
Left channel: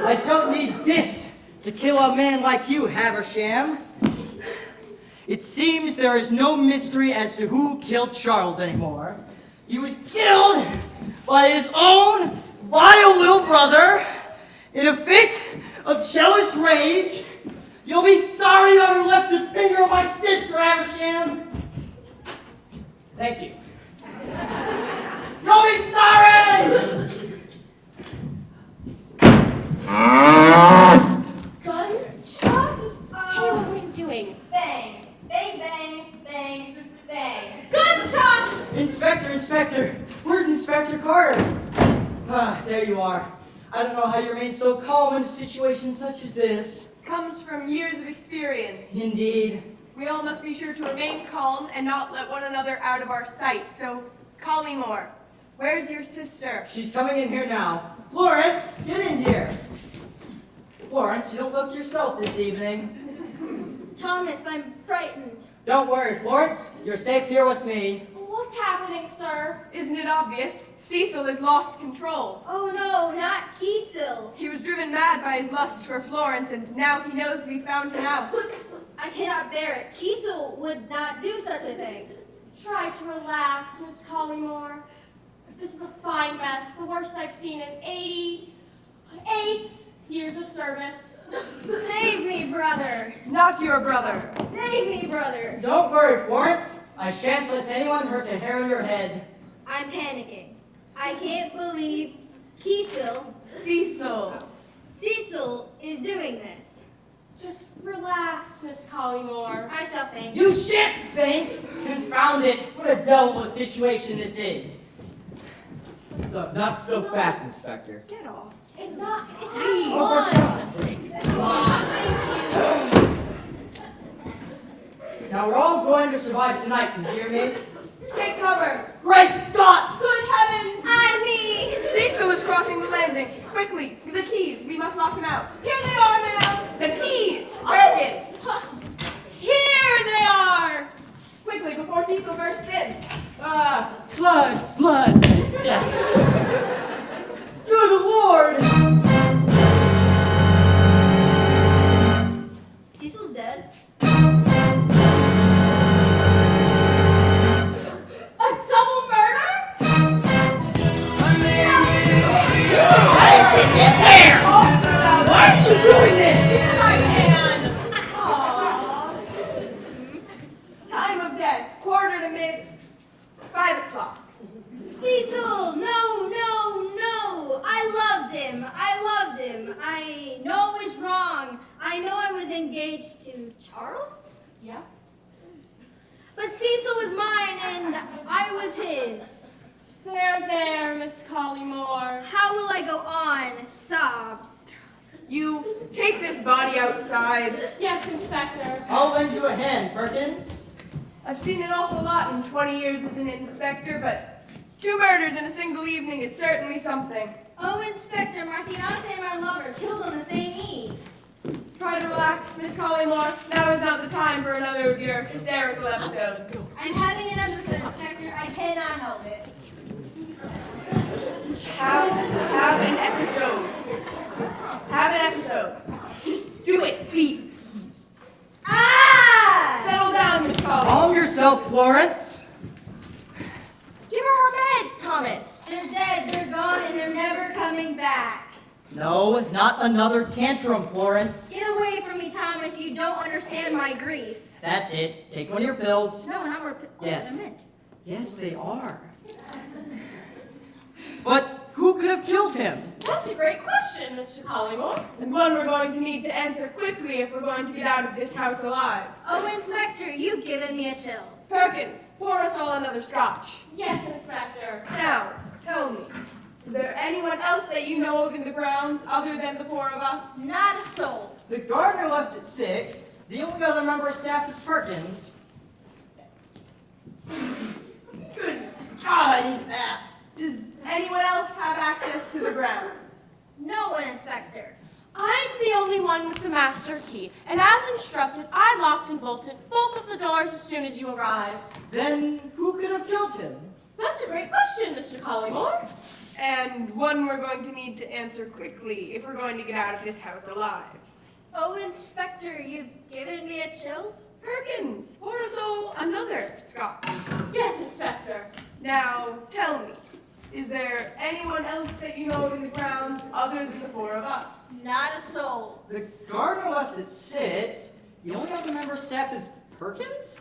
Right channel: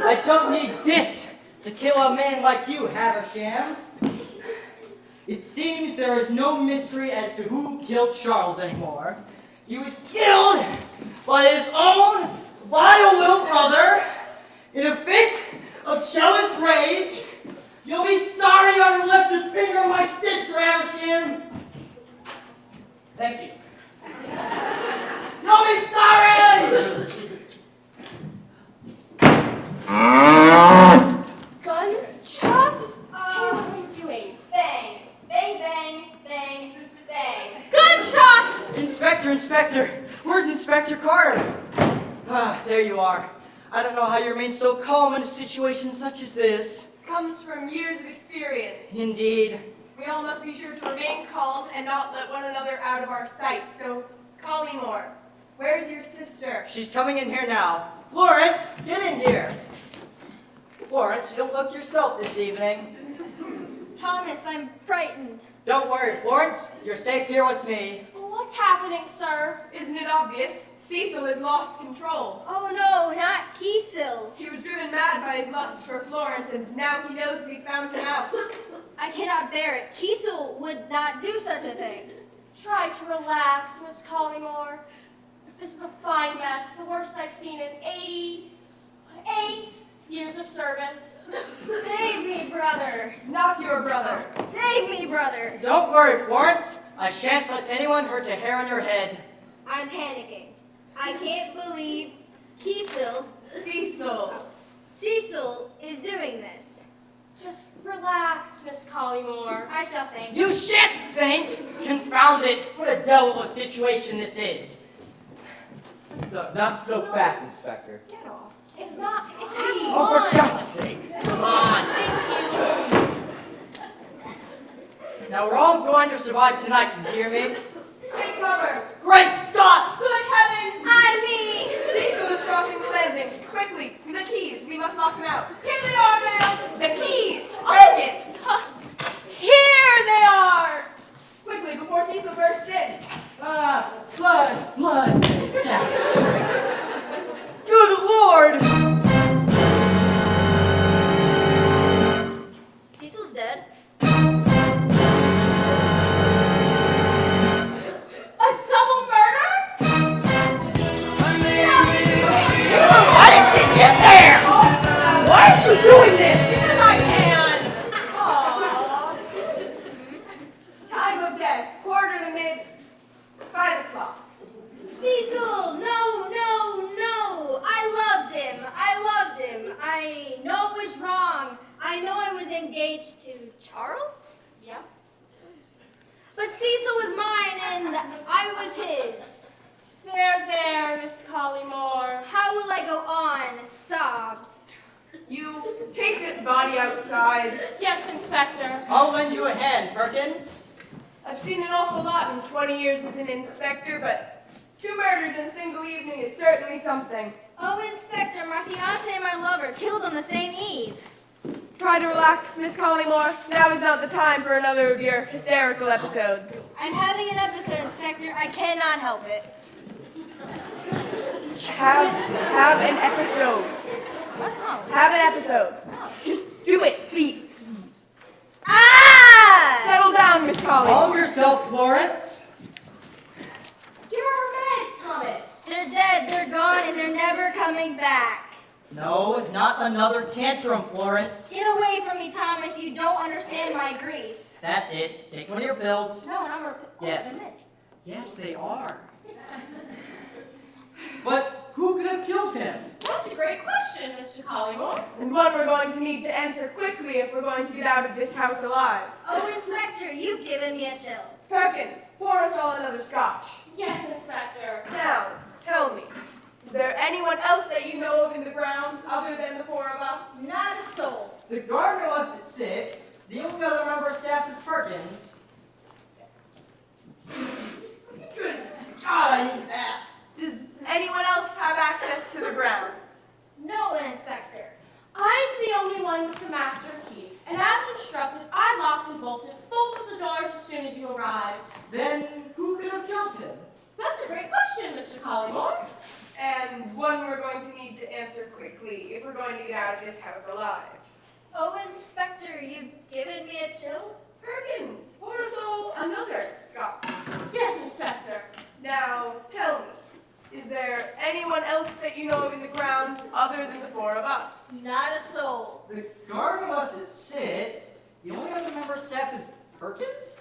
I don't need this to kill a man like you, Haversham. It seems there is no mystery as to who killed Charles anymore. He was killed by his own vile little brother in a fit of jealous rage. You'll be sorry you ever left a finger on my sister, Haversham. thank you. You'll be sorry! Gunshots? Taylor, what are you doing? Bang, bang, bang, bang, bang. Gunshots! Inspector, where's Inspector Carter? Ah, there you are. I don't know how you remain so calm in a situation such as this. Comes from years of experience. Indeed. We all must be sure to remain calm and not let one another out of our sight. So, Collymore, where's your sister? She's coming in here now. Florence, get in here. Florence, you don't look yourself this evening. Thomas, I'm frightened. Don't worry, Florence. You're safe here with me. What's happening, sir? Isn't it obvious? Cecil has lost control. Oh no, not Kiesel. He was driven mad by his lust for Florence, and now he knows we found him out. I cannot bear it. Kiesel would not do such a thing. Try to relax, Miss Collymore. This is a fine mess, the worst I've seen in 88 years of service. Save me, brother. Not your brother. Save me, brother. Don't worry, Florence. I shan't let anyone hurt a hair in your head. I'm panicking. I can't believe Kiesel, Cecil is doing this. Just relax, Miss Collymore. I shall faint. You shan't faint! Confound it! What a devil of a situation this is. No, not so fast, Inspector. Get off. It's not. Oh, for God's sake! Come on! Now we're all going to survive tonight, you hear me? Take cover. Great Scott! Good heavens! Cecil is crossing the landing. Quickly, the keys. We must lock him out. Here they are, ma'am! The keys! Take it! Here they are! Quickly, before Cecil bursts in. Ah, Blood. Death. good Lord! Cecil's dead. A double murder? How did she get there? Why is she doing this? My man! Aww. Time of death, 5:45. Cecil, no. I loved him. I know it was wrong. I know I was engaged to Charles. Yep. But Cecil was mine and I was his. There, Miss Collymore. How will I go on? Sobs. You take this body outside. Yes, Inspector. I'll lend you a hand, Perkins. I've seen an awful lot in 20 years as an inspector, but 2 murders in a single evening is certainly something. Oh, Inspector, my fiancé and my lover killed on the same eve. Try to relax, Miss Collymore. Now is not the time for another of your hysterical episodes. I'm having an episode, Inspector. I cannot help it. Have an episode. Have an episode. Just do it, please. Ah! Settle down, Miss Collymore. Calm yourself, Florence. Give her her meds, Thomas. They're dead, they're gone, and they're never coming back. No, not another tantrum, Florence. Get away from me, Thomas. You don't understand my grief. That's it. Take one of your pills. No, not more. Yes. Minutes. Yes, they are. But who could have killed him? That's a great question, Mr. Collymore. And one we're going to need to answer quickly if we're going to get out of this house alive. Oh, Inspector, you've given me a chill. Perkins, pour us all another scotch. Yes, Inspector. Now, tell me, is there anyone else that you know of in the grounds other than the four of us? Not a soul. The gardener left at 6. The only other member of staff is Perkins. Good God, I need that. Does anyone else have access to the grounds? No one, Inspector. I'm the only one with the master key, and as instructed, I locked and bolted both of the doors as soon as you arrived. Then who could have killed him? That's a great question, Mr. Collymore. And one we're going to need to answer quickly if we're going to get out of this house alive. Oh, Inspector, you've given me a chill. Perkins, pour us all another scotch. Yes, Inspector. Now, tell me, is there anyone else that you know of in the grounds other than the four of us? Not a soul. The gardener left at 6. The only other member of staff is Perkins?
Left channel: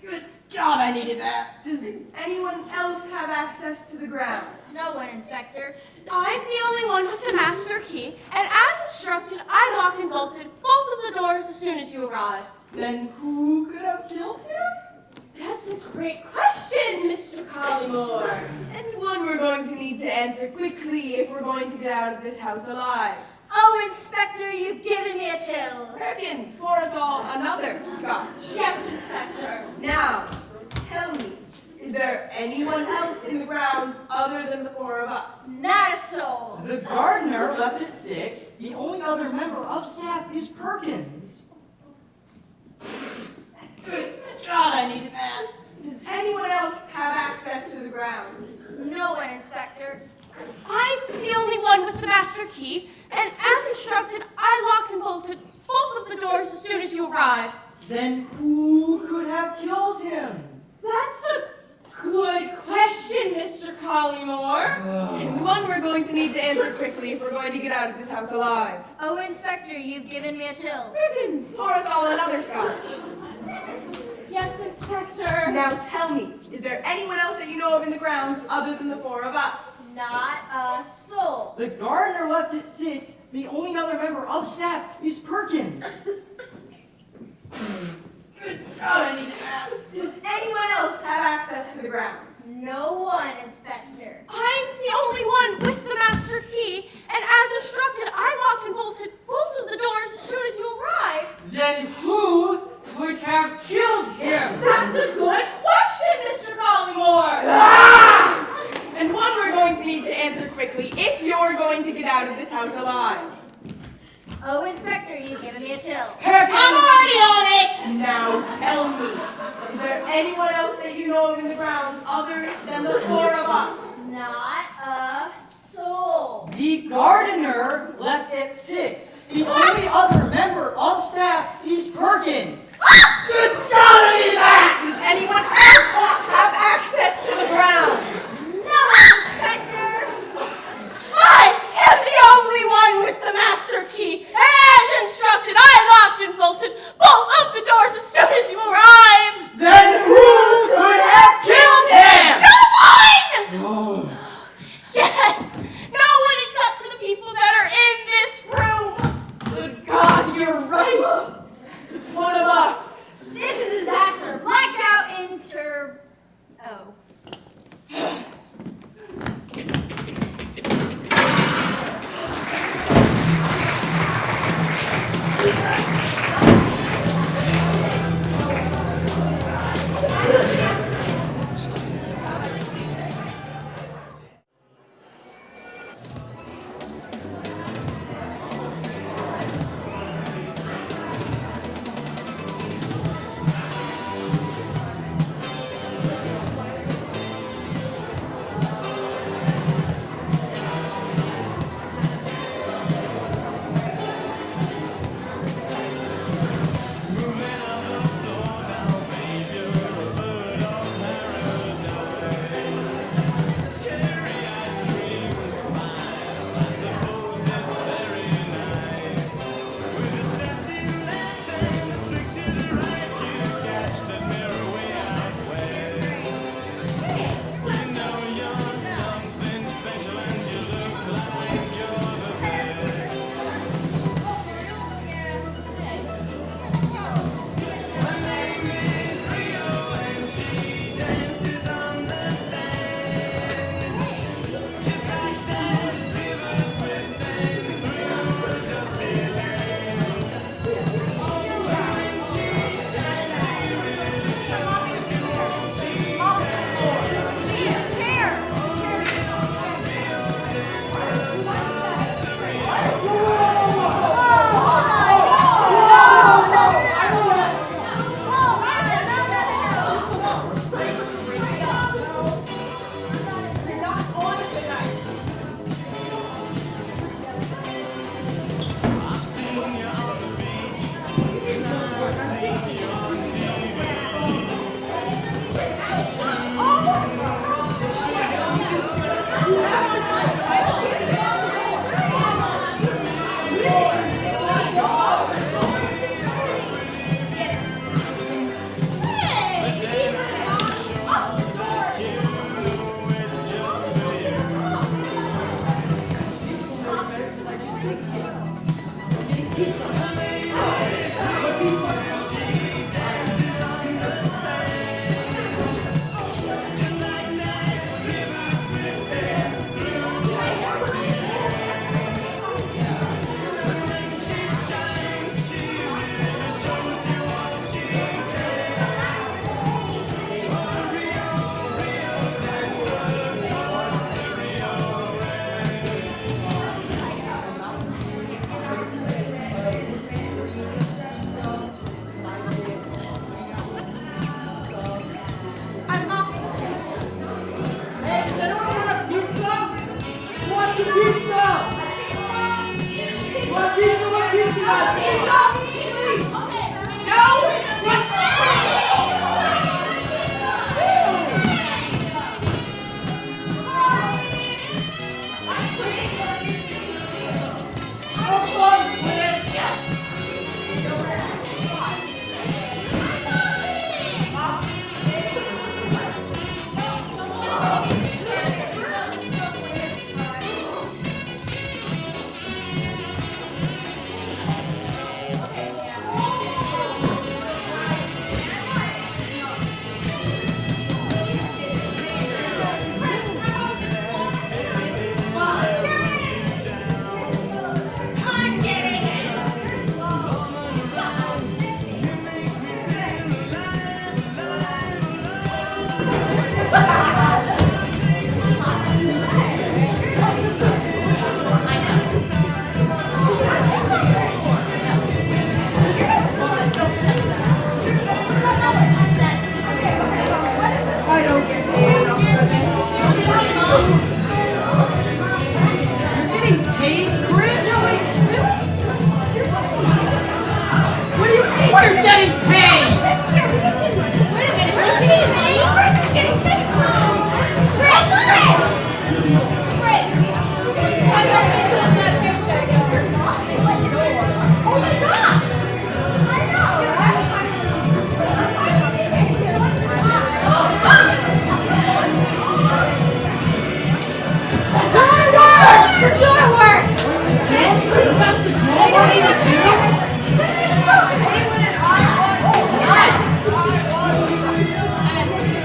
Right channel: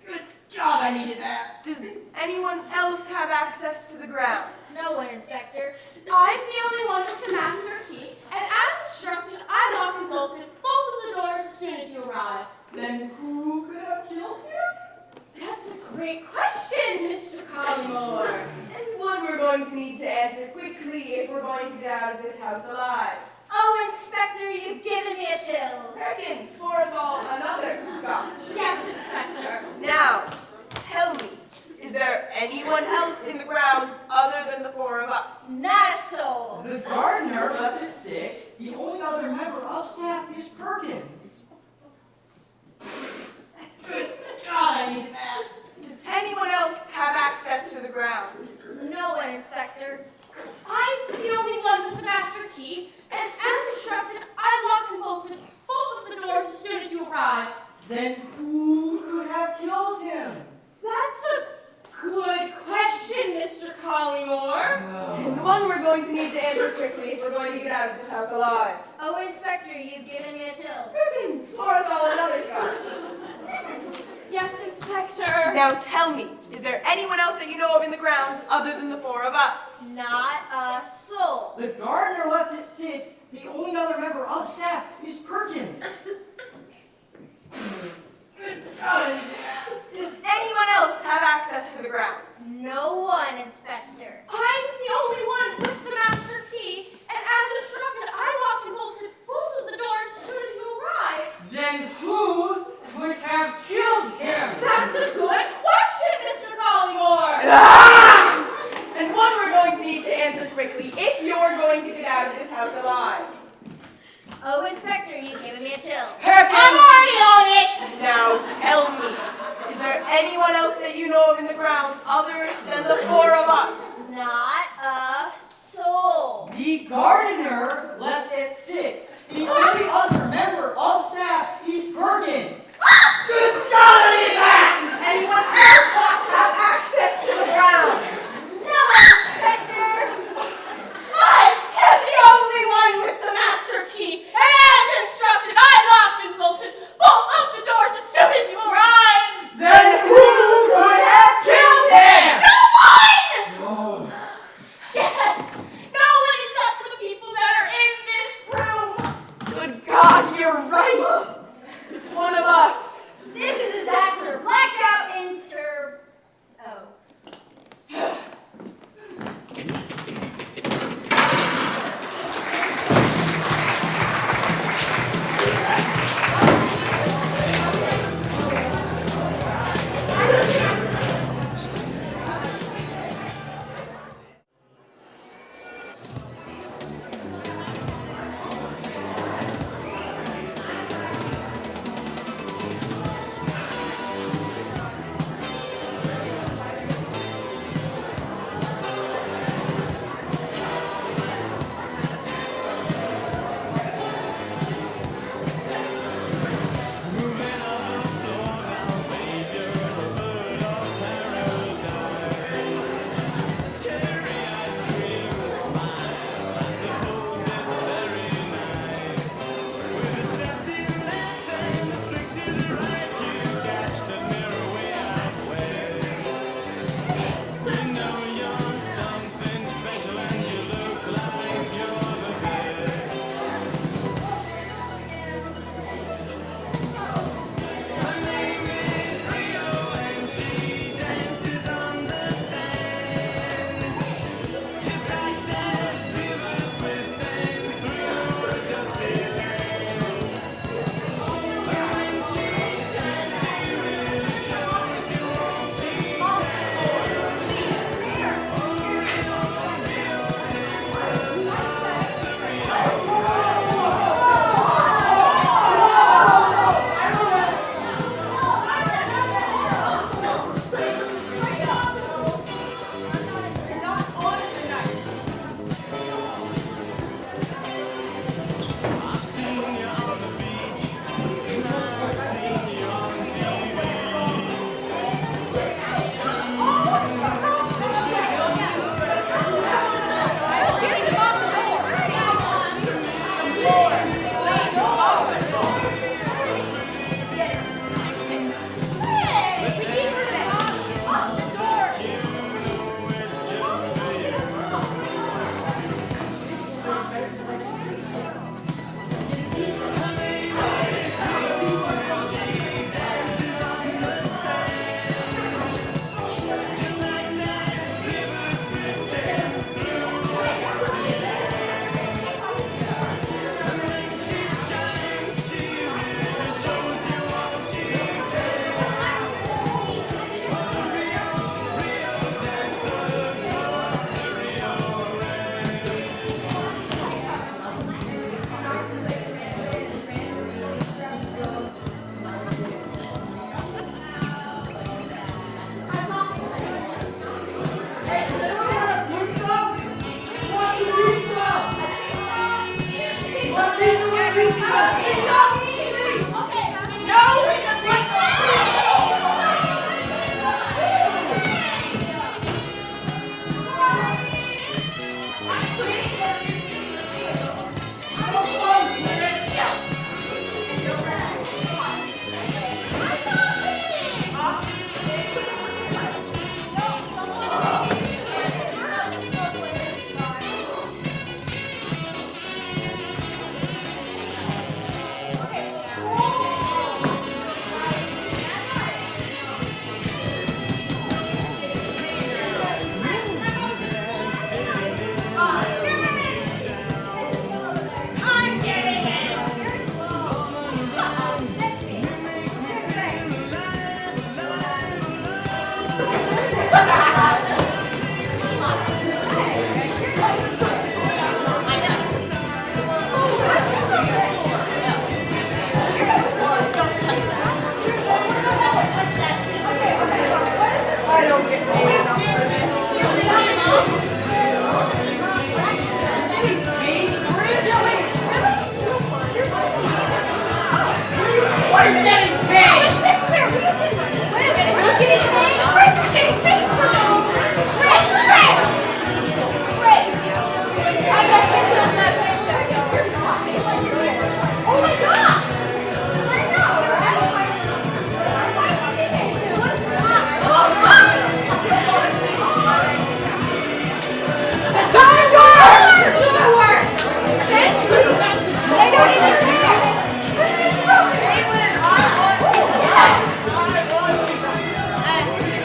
Good God, I needed that. Does anyone else have access to the grounds? No one, Inspector. I'm the only one with the master key, and as instructed, I locked and bolted both of the doors as soon as you arrived. Then who could have killed him? That's a great question, Mr. Collymore. And one we're going to need to answer quickly if we're going to get out of this house alive. Oh, Inspector, you've given me a chill. Perkins, pour us all another scotch. Yes, Inspector. Now, tell me, is there anyone else in the grounds other than the four of us? Not a soul. The gardener left at 6. The only other member of staff is Perkins. Good God, I needed that. Does anyone else have access to the grounds? No one, Inspector. I'm the only one with the master key, and as instructed, I locked and bolted both of the doors as soon as you arrived. Then who could have killed him? That's a good question, Mr. Collymore. And one we're going to need to answer quickly if we're going to get out of this house alive. Oh, Inspector, you've given me a chill. Perkins, pour us all another scotch. Yes, Inspector. Now tell me, is there anyone else that you know of in the grounds other than the four of us? Not a soul. The gardener left at 6. The only other member of staff is Perkins. Good God, I needed that. Does anyone else have access to the grounds? No one, Inspector. I'm the only one with the master key, and as instructed, I locked and bolted both of the doors as soon as you arrived. Then who would have killed him? That's a good question, Mr. Collymore. And one we're going to need to answer quickly if you're going to get out of this house alive. Oh, Inspector, you've given me a chill. Perkins! I'm already on it. Now tell me, is there anyone else that you know of in the grounds other than the four of us? Not a soul. The gardener left at 6. The only other member of staff is Perkins. Good God, I needed that! Does anyone else have access to the grounds? No one, Inspector. I am the only one with the master key, and as instructed, I locked and bolted both of the doors as soon as you arrived. Then who could have killed him? No one! Oh. Yes, no one except for the people that are in this room. Good God,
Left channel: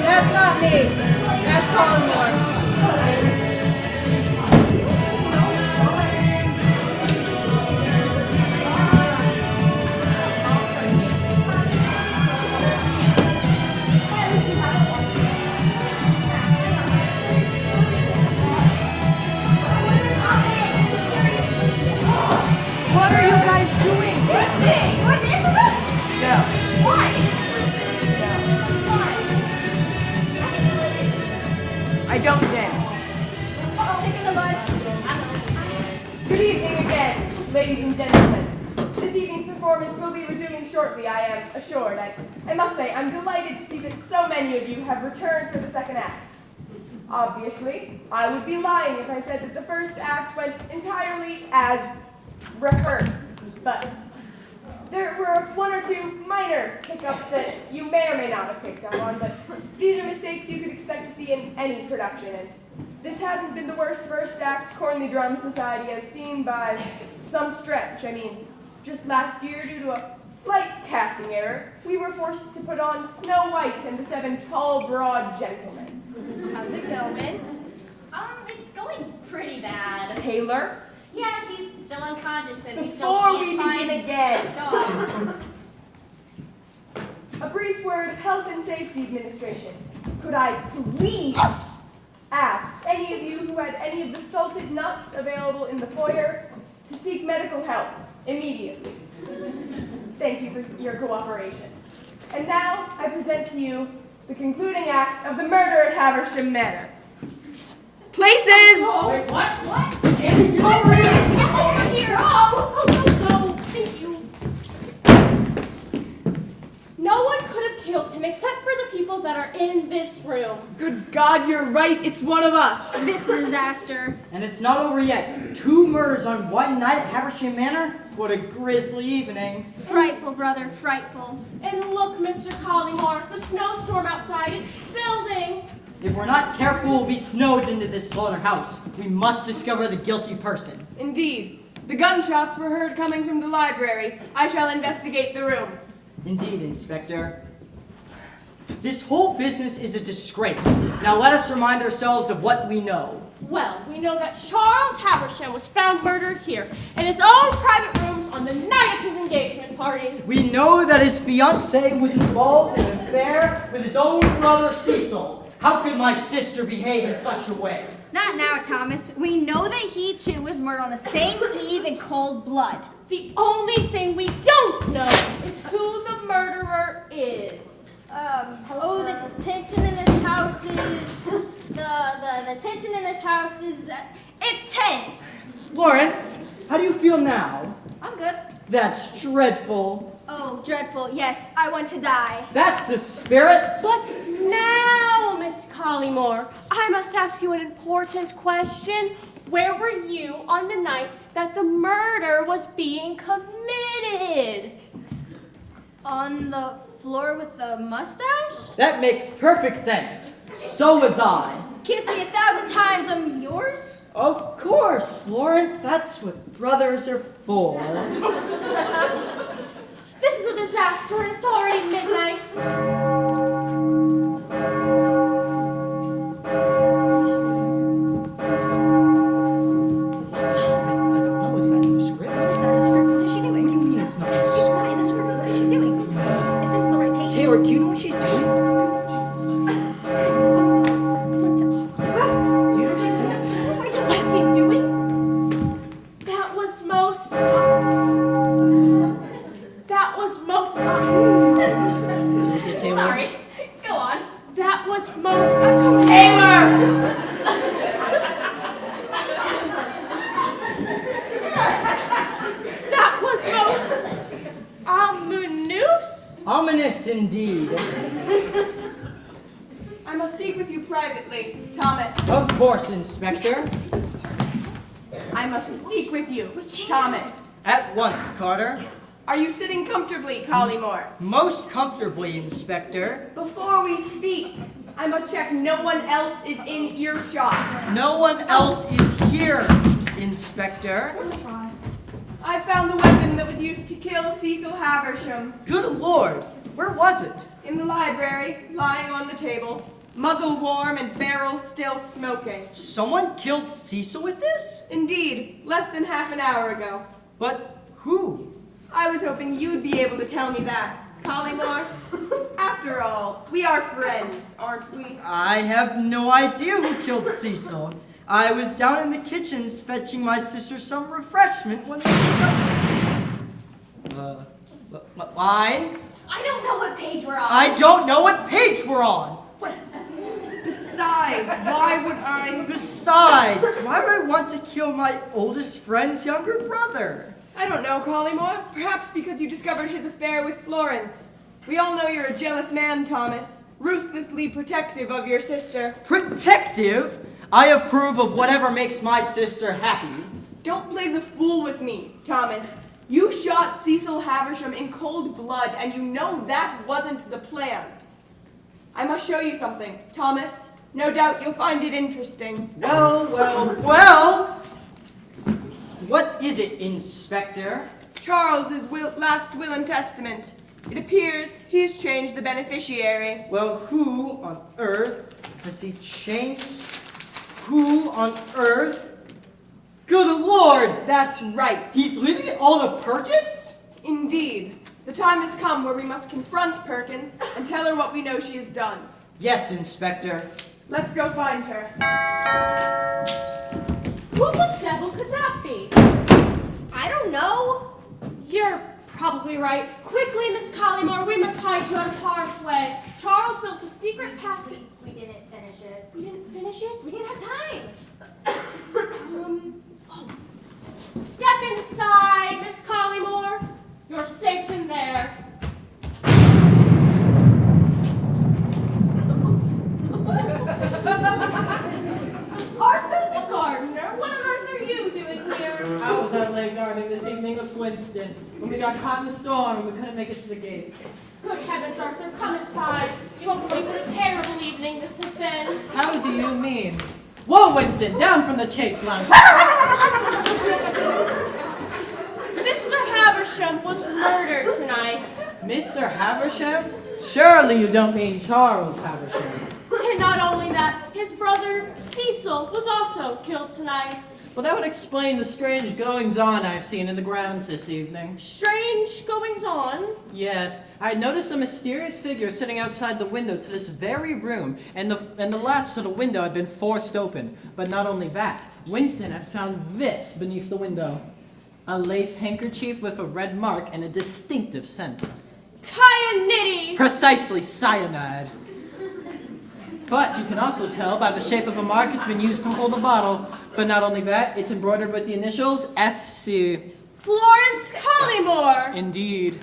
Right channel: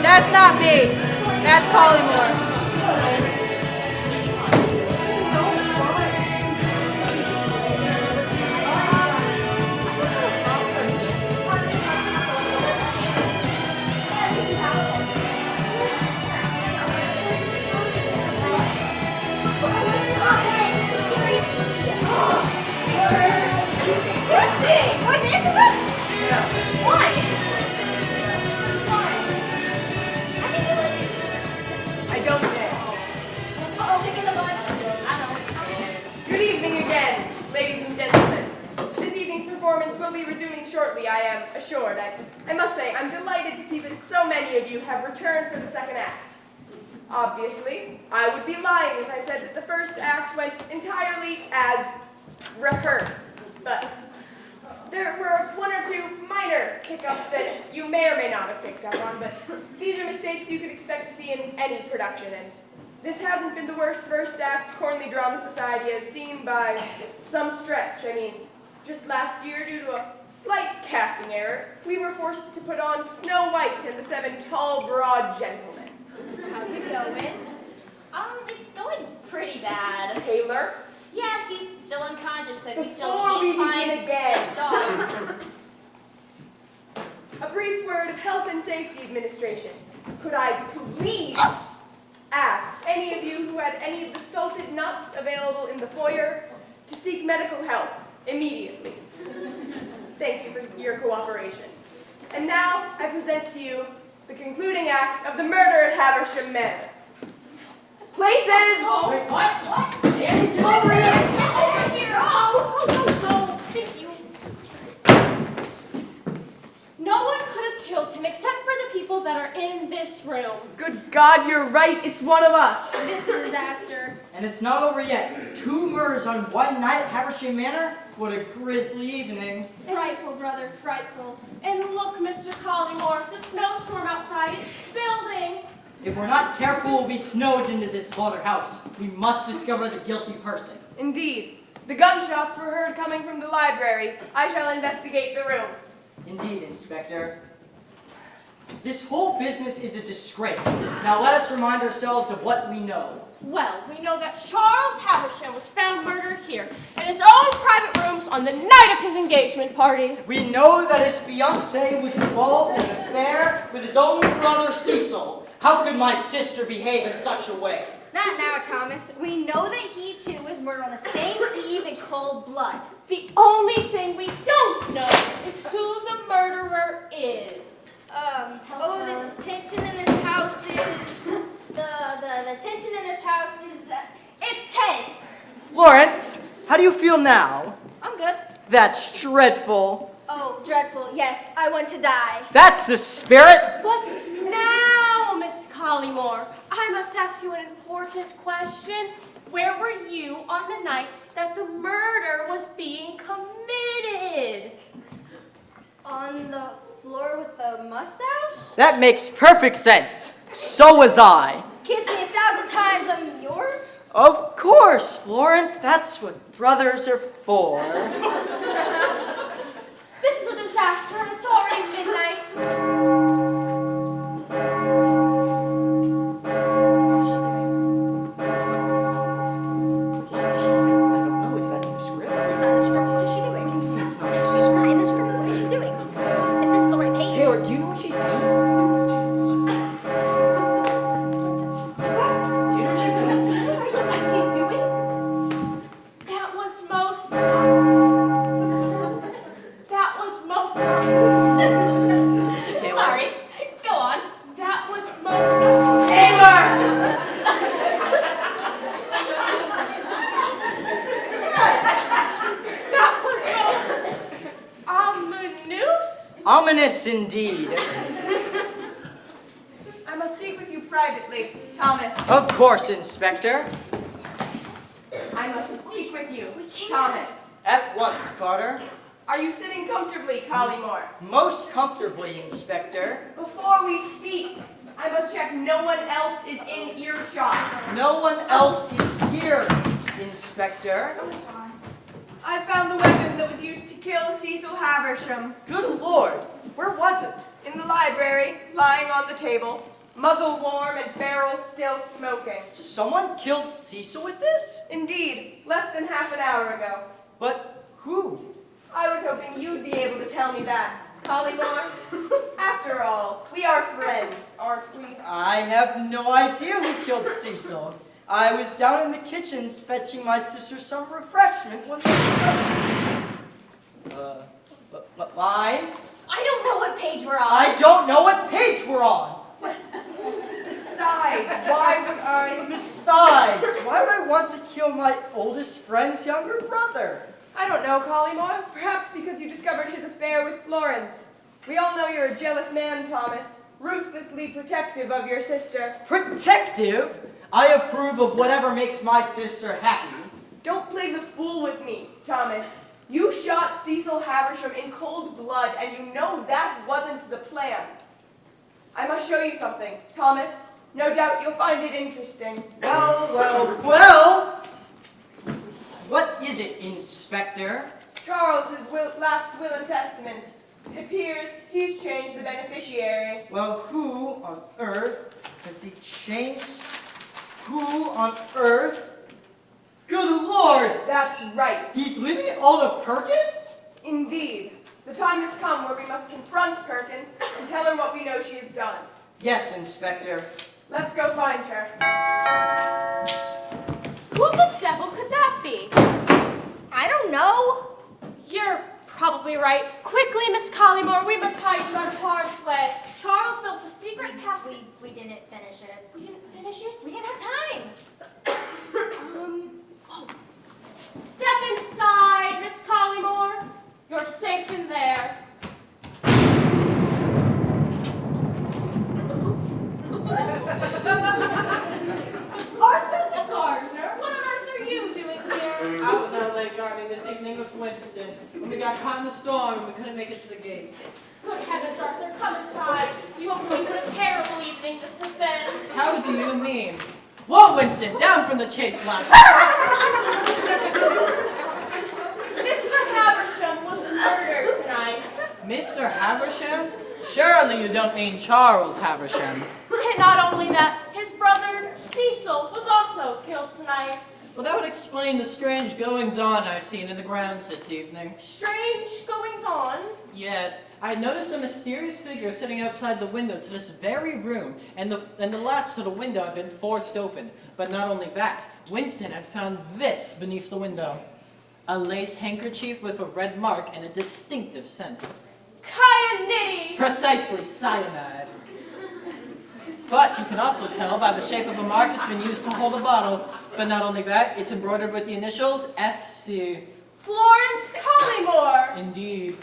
That's not me. That's Polymore. What are you guys doing? Dancing! What is this? Why? I don't dance. Uh-oh, kick in the butt. Good evening again, ladies and gentlemen. This evening's performance will be resuming shortly, I am assured. I must say, I'm delighted to see that so many of you have returned for the second act. Obviously, I would be lying if I said that the first act went entirely as rehearsed, but there were one or two minor hiccups that you may or may not have picked up on, but these are mistakes you could expect to see in any production, and this hasn't been the worst first act Cornley Drama Society has seen by some stretch. I mean, just last year, due to a slight casting error, we were forced to put on Snow White and the 7 Tall, Broad Gentlemen. How's it going? It's going pretty bad. Taylor? Yeah, she's still unconscious and we still Before can't we begin find again, the dog. a brief word of Health and Safety Administration. Could I please ask any of you who had any of the salted nuts available in the foyer to seek medical help immediately? Thank you for your cooperation. And now I present to you the concluding act of the murder at Haversham Manor. Places! Wait, what? What? Andy, Get over here! Oh, No, thank you. No one could have killed him except for the people that are in this room. Good God, you're right. It's one of us. This disaster. And it's not over yet. 2 murders on one night at Haversham Manor? What a grisly evening. Frightful, brother, frightful. And look, Mr. Collymore, the snowstorm outside is building. If we're not careful, we'll be snowed into this slaughterhouse. We must discover the guilty person. Indeed. The gunshots were heard coming from the library. I shall investigate the room. Indeed, Inspector. This whole business is a disgrace. Now let us remind ourselves of what we know. Well, we know that Charles Haversham was found murdered here in his own private rooms on the night of his engagement party. We know that his fiancée was involved in an affair with his own brother Cecil. How could my sister behave in such a way? Not now, Thomas. We know that he too was murdered on the same eve in cold blood. The only thing we don't know is who the murderer is. The tension in this house is the tension in this house is it's tense. Lawrence, how do you feel now? I'm good. That's dreadful. Oh, dreadful. Yes, I want to die. That's the spirit. But now, Miss Collymore, I must ask you an important question. Where were you on the night that the murder was being committed? On the floor with the mustache? That makes perfect sense. So was I. Kiss me 1,000 times, I'm yours? Of course, Florence. That's what brothers are for. This is a disaster, and it's already midnight. Is that in the script? This is not a script. What is she doing? It's not in the script. What is she doing? Is this the right page? Taylor, do you know what she's doing? Do you know what she's doing? I don't know what she's doing. That was most... Seriously, Taylor? Sorry. Go on. That was most... Taylor! That was most... ominous? Ominous indeed. I must speak with you privately, Thomas. Of course, Inspector. I must speak with you, Thomas. At once, Carter. Are you sitting comfortably, Collymore? Most comfortably, Inspector. Before we speak, I must check no one else is in earshot. No one else is here, Inspector. I found the weapon that was used to kill Cecil Haversham. Good Lord, where was it? In the library, lying on the table. Muzzle warm and barrel still smoking. Someone killed Cecil with this? Indeed, less than half an hour ago. But who? I was hoping you'd be able to tell me that, Collymore. After all, we are friends, aren't we? I have no idea who killed Cecil. I was down in the kitchen fetching my sister some refreshment when line? I don't know what page we're on. I don't know what page we're on. Besides, why would I? Besides, why would I want to kill my oldest friend's younger brother? I don't know, Collymore. Perhaps because you discovered his affair with Florence. We all know you're a jealous man, Thomas. Ruthlessly protective of your sister. Protective? I approve of whatever makes my sister happy. Don't play the fool with me, Thomas. You shot Cecil Haversham in cold blood, and you know that wasn't the plan. I must show you something, Thomas. No doubt you'll find it interesting. Well. What is it, Inspector? Charles's last will and testament. It appears he's changed the beneficiary. Well, who on earth has he changed? Who on earth? Good Lord! That's right. He's leaving it all to Perkins? Indeed. The time has come where we must confront Perkins and tell her what we know she has done. Yes, Inspector. Let's go find her. Who the devil could that be? I don't know. You're probably right. Quickly, Miss Collymore, we must hide you out of harm's way. Charles built a secret passage. We didn't finish it. We didn't finish it? We didn't have time. Step inside, Miss Collymore. You're safe in there. Arthur the gardener, what on earth are you doing here? I was out late gardening this evening with Winston. When we got caught in the storm, we couldn't make it to the gate. Good heavens, Arthur, come inside. You won't believe what a terrible evening this has been. How do you mean? Whoa, Winston, down from the chase line. Haversham was murdered tonight. Mr. Haversham? Surely you don't mean Charles Haversham. And not only that, his brother Cecil was also killed tonight. Well, that would explain the strange goings-on I've seen in the grounds this evening. Strange goings-on? Yes, I had noticed a mysterious figure sitting outside the window to this very room, and the latch to the window had been forced open. But not only that, Winston had found this beneath the window. A lace handkerchief with a red mark and a distinctive scent. Kyanity! Precisely, cyanide. But you can also tell by the shape of a mark it's been used to hold a bottle. But not only that, it's embroidered with the initials FC. Florence Collymore! Indeed.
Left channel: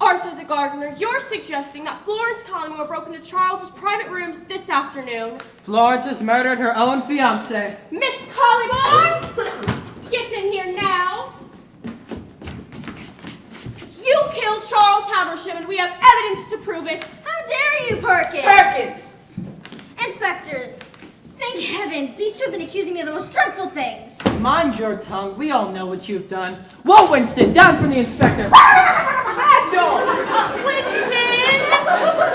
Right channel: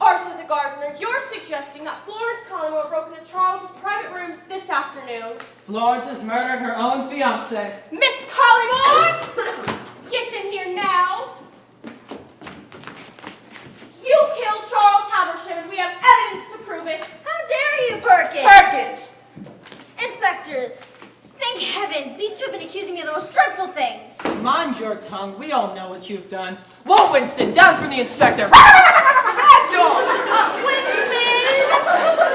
Arthur the gardener, you're suggesting that Florence Collymore broke into Charles's private rooms this afternoon. Florence has murdered her own fiancé. Miss Collymore! Get in here now. You killed Charles Haversham, and we have evidence to prove it. How dare you, Perkins? Perkins! Inspector, thank heavens, these two have been accusing me of the most dreadful things. Mind your tongue, we all know what you've done. Whoa, Winston, down from the inspector. Winston!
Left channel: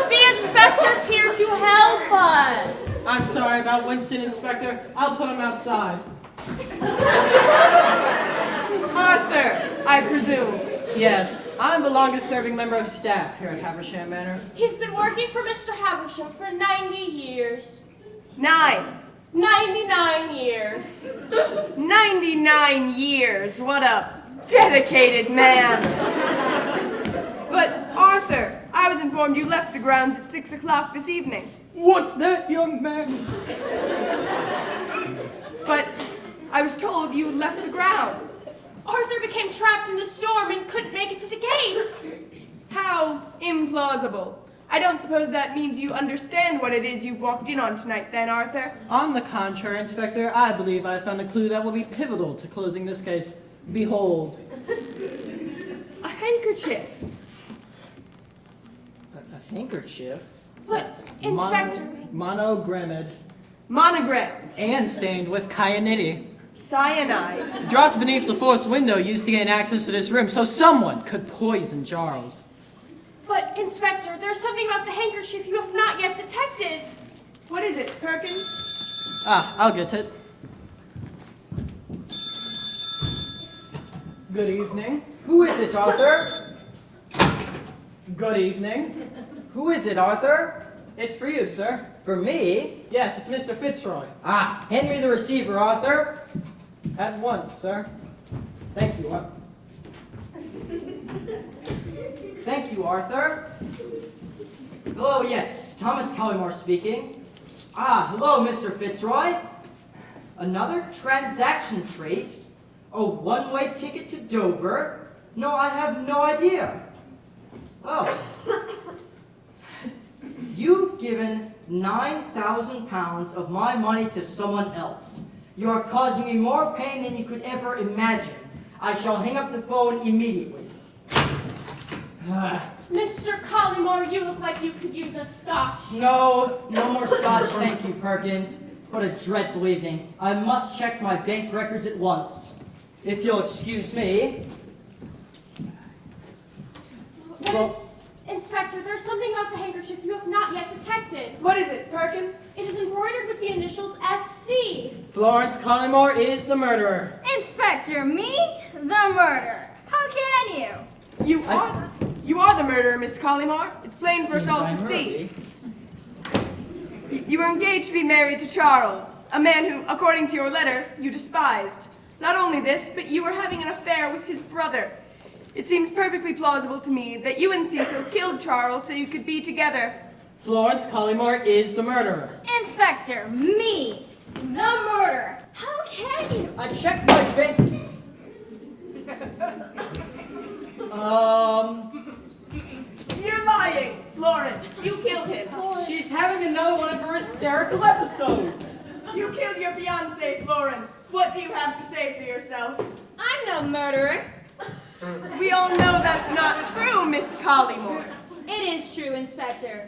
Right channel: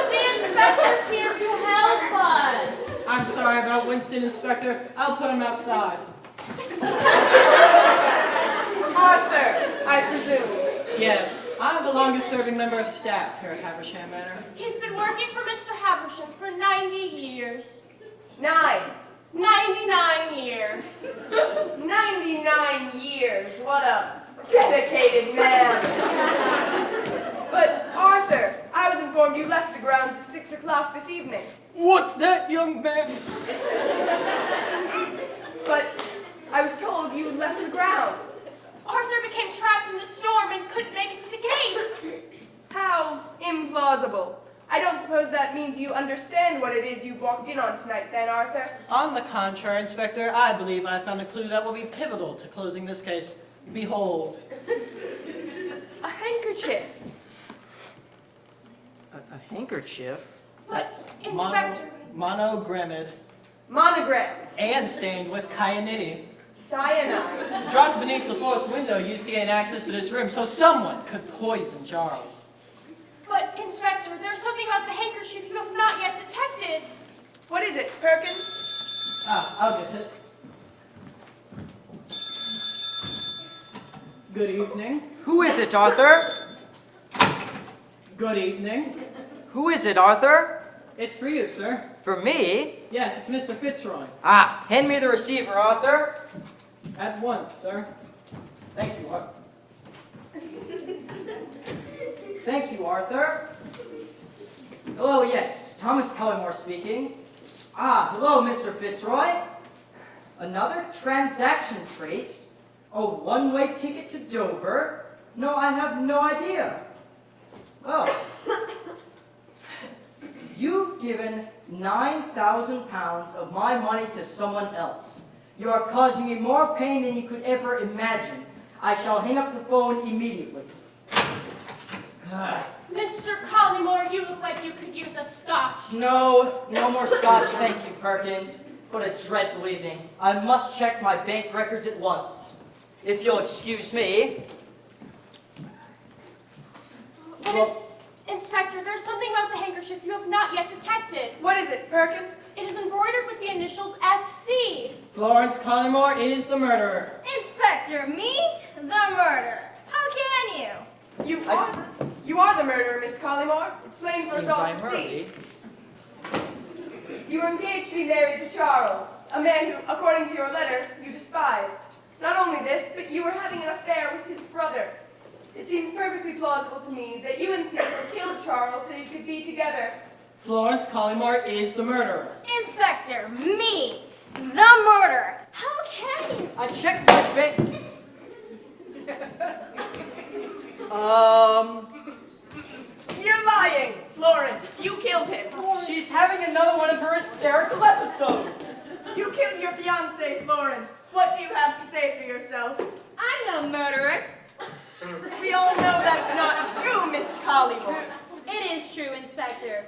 The inspector's here to help us. I'm sorry about Winston, Inspector. I'll put him outside. Arthur, I presume. Yes, I'm the longest-serving member of staff here at Haversham Manor. He's been working for Mr. Haversham for 90 years. 99 years. 99 years. What a dedicated man. But, Arthur, I was informed you left the grounds at 6 o'clock this evening. What's that, young man? But I was told you had left the grounds. Arthur became trapped in the storm and couldn't make it to the gate. How implausible. I don't suppose that means you understand what it is you walked in on tonight then, Arthur? On the contrary, Inspector, I believe I found a clue that will be pivotal to closing this case. Behold. A handkerchief. A handkerchief? But, Inspector... Monogrammed. Monogrammed. And stained with kyanity. Cyanide. Dropped beneath the forced window used to gain access to this room so someone could poison Charles. But, Inspector, there's something about the handkerchief you have not yet detected. What is it, Perkins? I'll get it. Good evening. Who is it, Arthur? Good evening. Who is it, Arthur? It's for you, sir. For me? Yes, it's Mr. Fitzroy. Hand me the receiver, Arthur. At once, sir. Thank you, Arthur. Thank you, Arthur. Hello, yes, Thomas Collymore speaking. Hello, Mr. Fitzroy. Another transaction traced? A one-way ticket to Dover? No, I have no idea. Oh. You've given 9,000 pounds of my money to someone else. You are causing me more pain than you could ever imagine. I shall hang up the phone immediately. Mr. Collymore, you look like you could use a scotch. No more scotch, thank you, Perkins. What a dreadful evening. I must check my bank records at once. If you'll excuse me. Well, Inspector, there's something about the handkerchief you have not yet detected. What is it, Perkins? It is embroidered with the initials FC. Florence Collymore is the murderer. Inspector, me? The murderer. How can you? You are the murderer, Miss Collymore. It's plain for us all to see. You were engaged to be married to Charles, a man who, according to your letter, you despised. Not only this, but you were having an affair with his brother. It seems perfectly plausible to me that you and Cecil killed Charles so you could be together. Florence Collymore is the murderer. Inspector, me, the murderer. How can you? I checked my bank. You're lying, Florence. You killed him. She's having another one of her hysterical episodes. You killed your fiancé, Florence. What do you have to say for yourself? I'm no murderer. We all know that's not true, Miss Collymore. It is true, Inspector.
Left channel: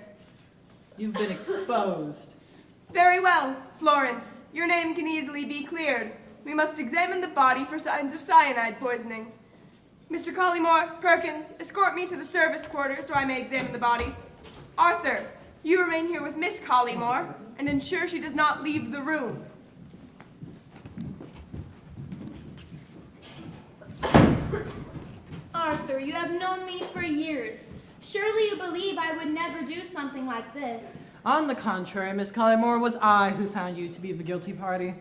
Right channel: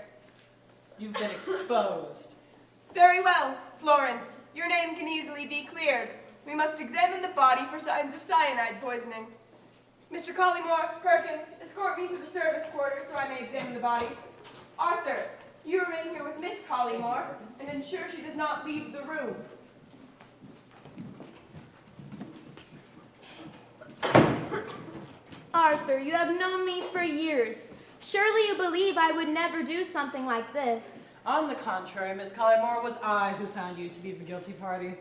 You've been exposed. Very well, Florence. Your name can easily be cleared. We must examine the body for signs of cyanide poisoning. Mr. Collymore, Perkins, escort me to the service quarters so I may examine the body. Arthur, you remain here with Miss Collymore and ensure she does not leave the room. Arthur, you have known me for years. Surely you believe I would never do something like this. On the contrary, Miss Collymore, it was I who found you to be the guilty party.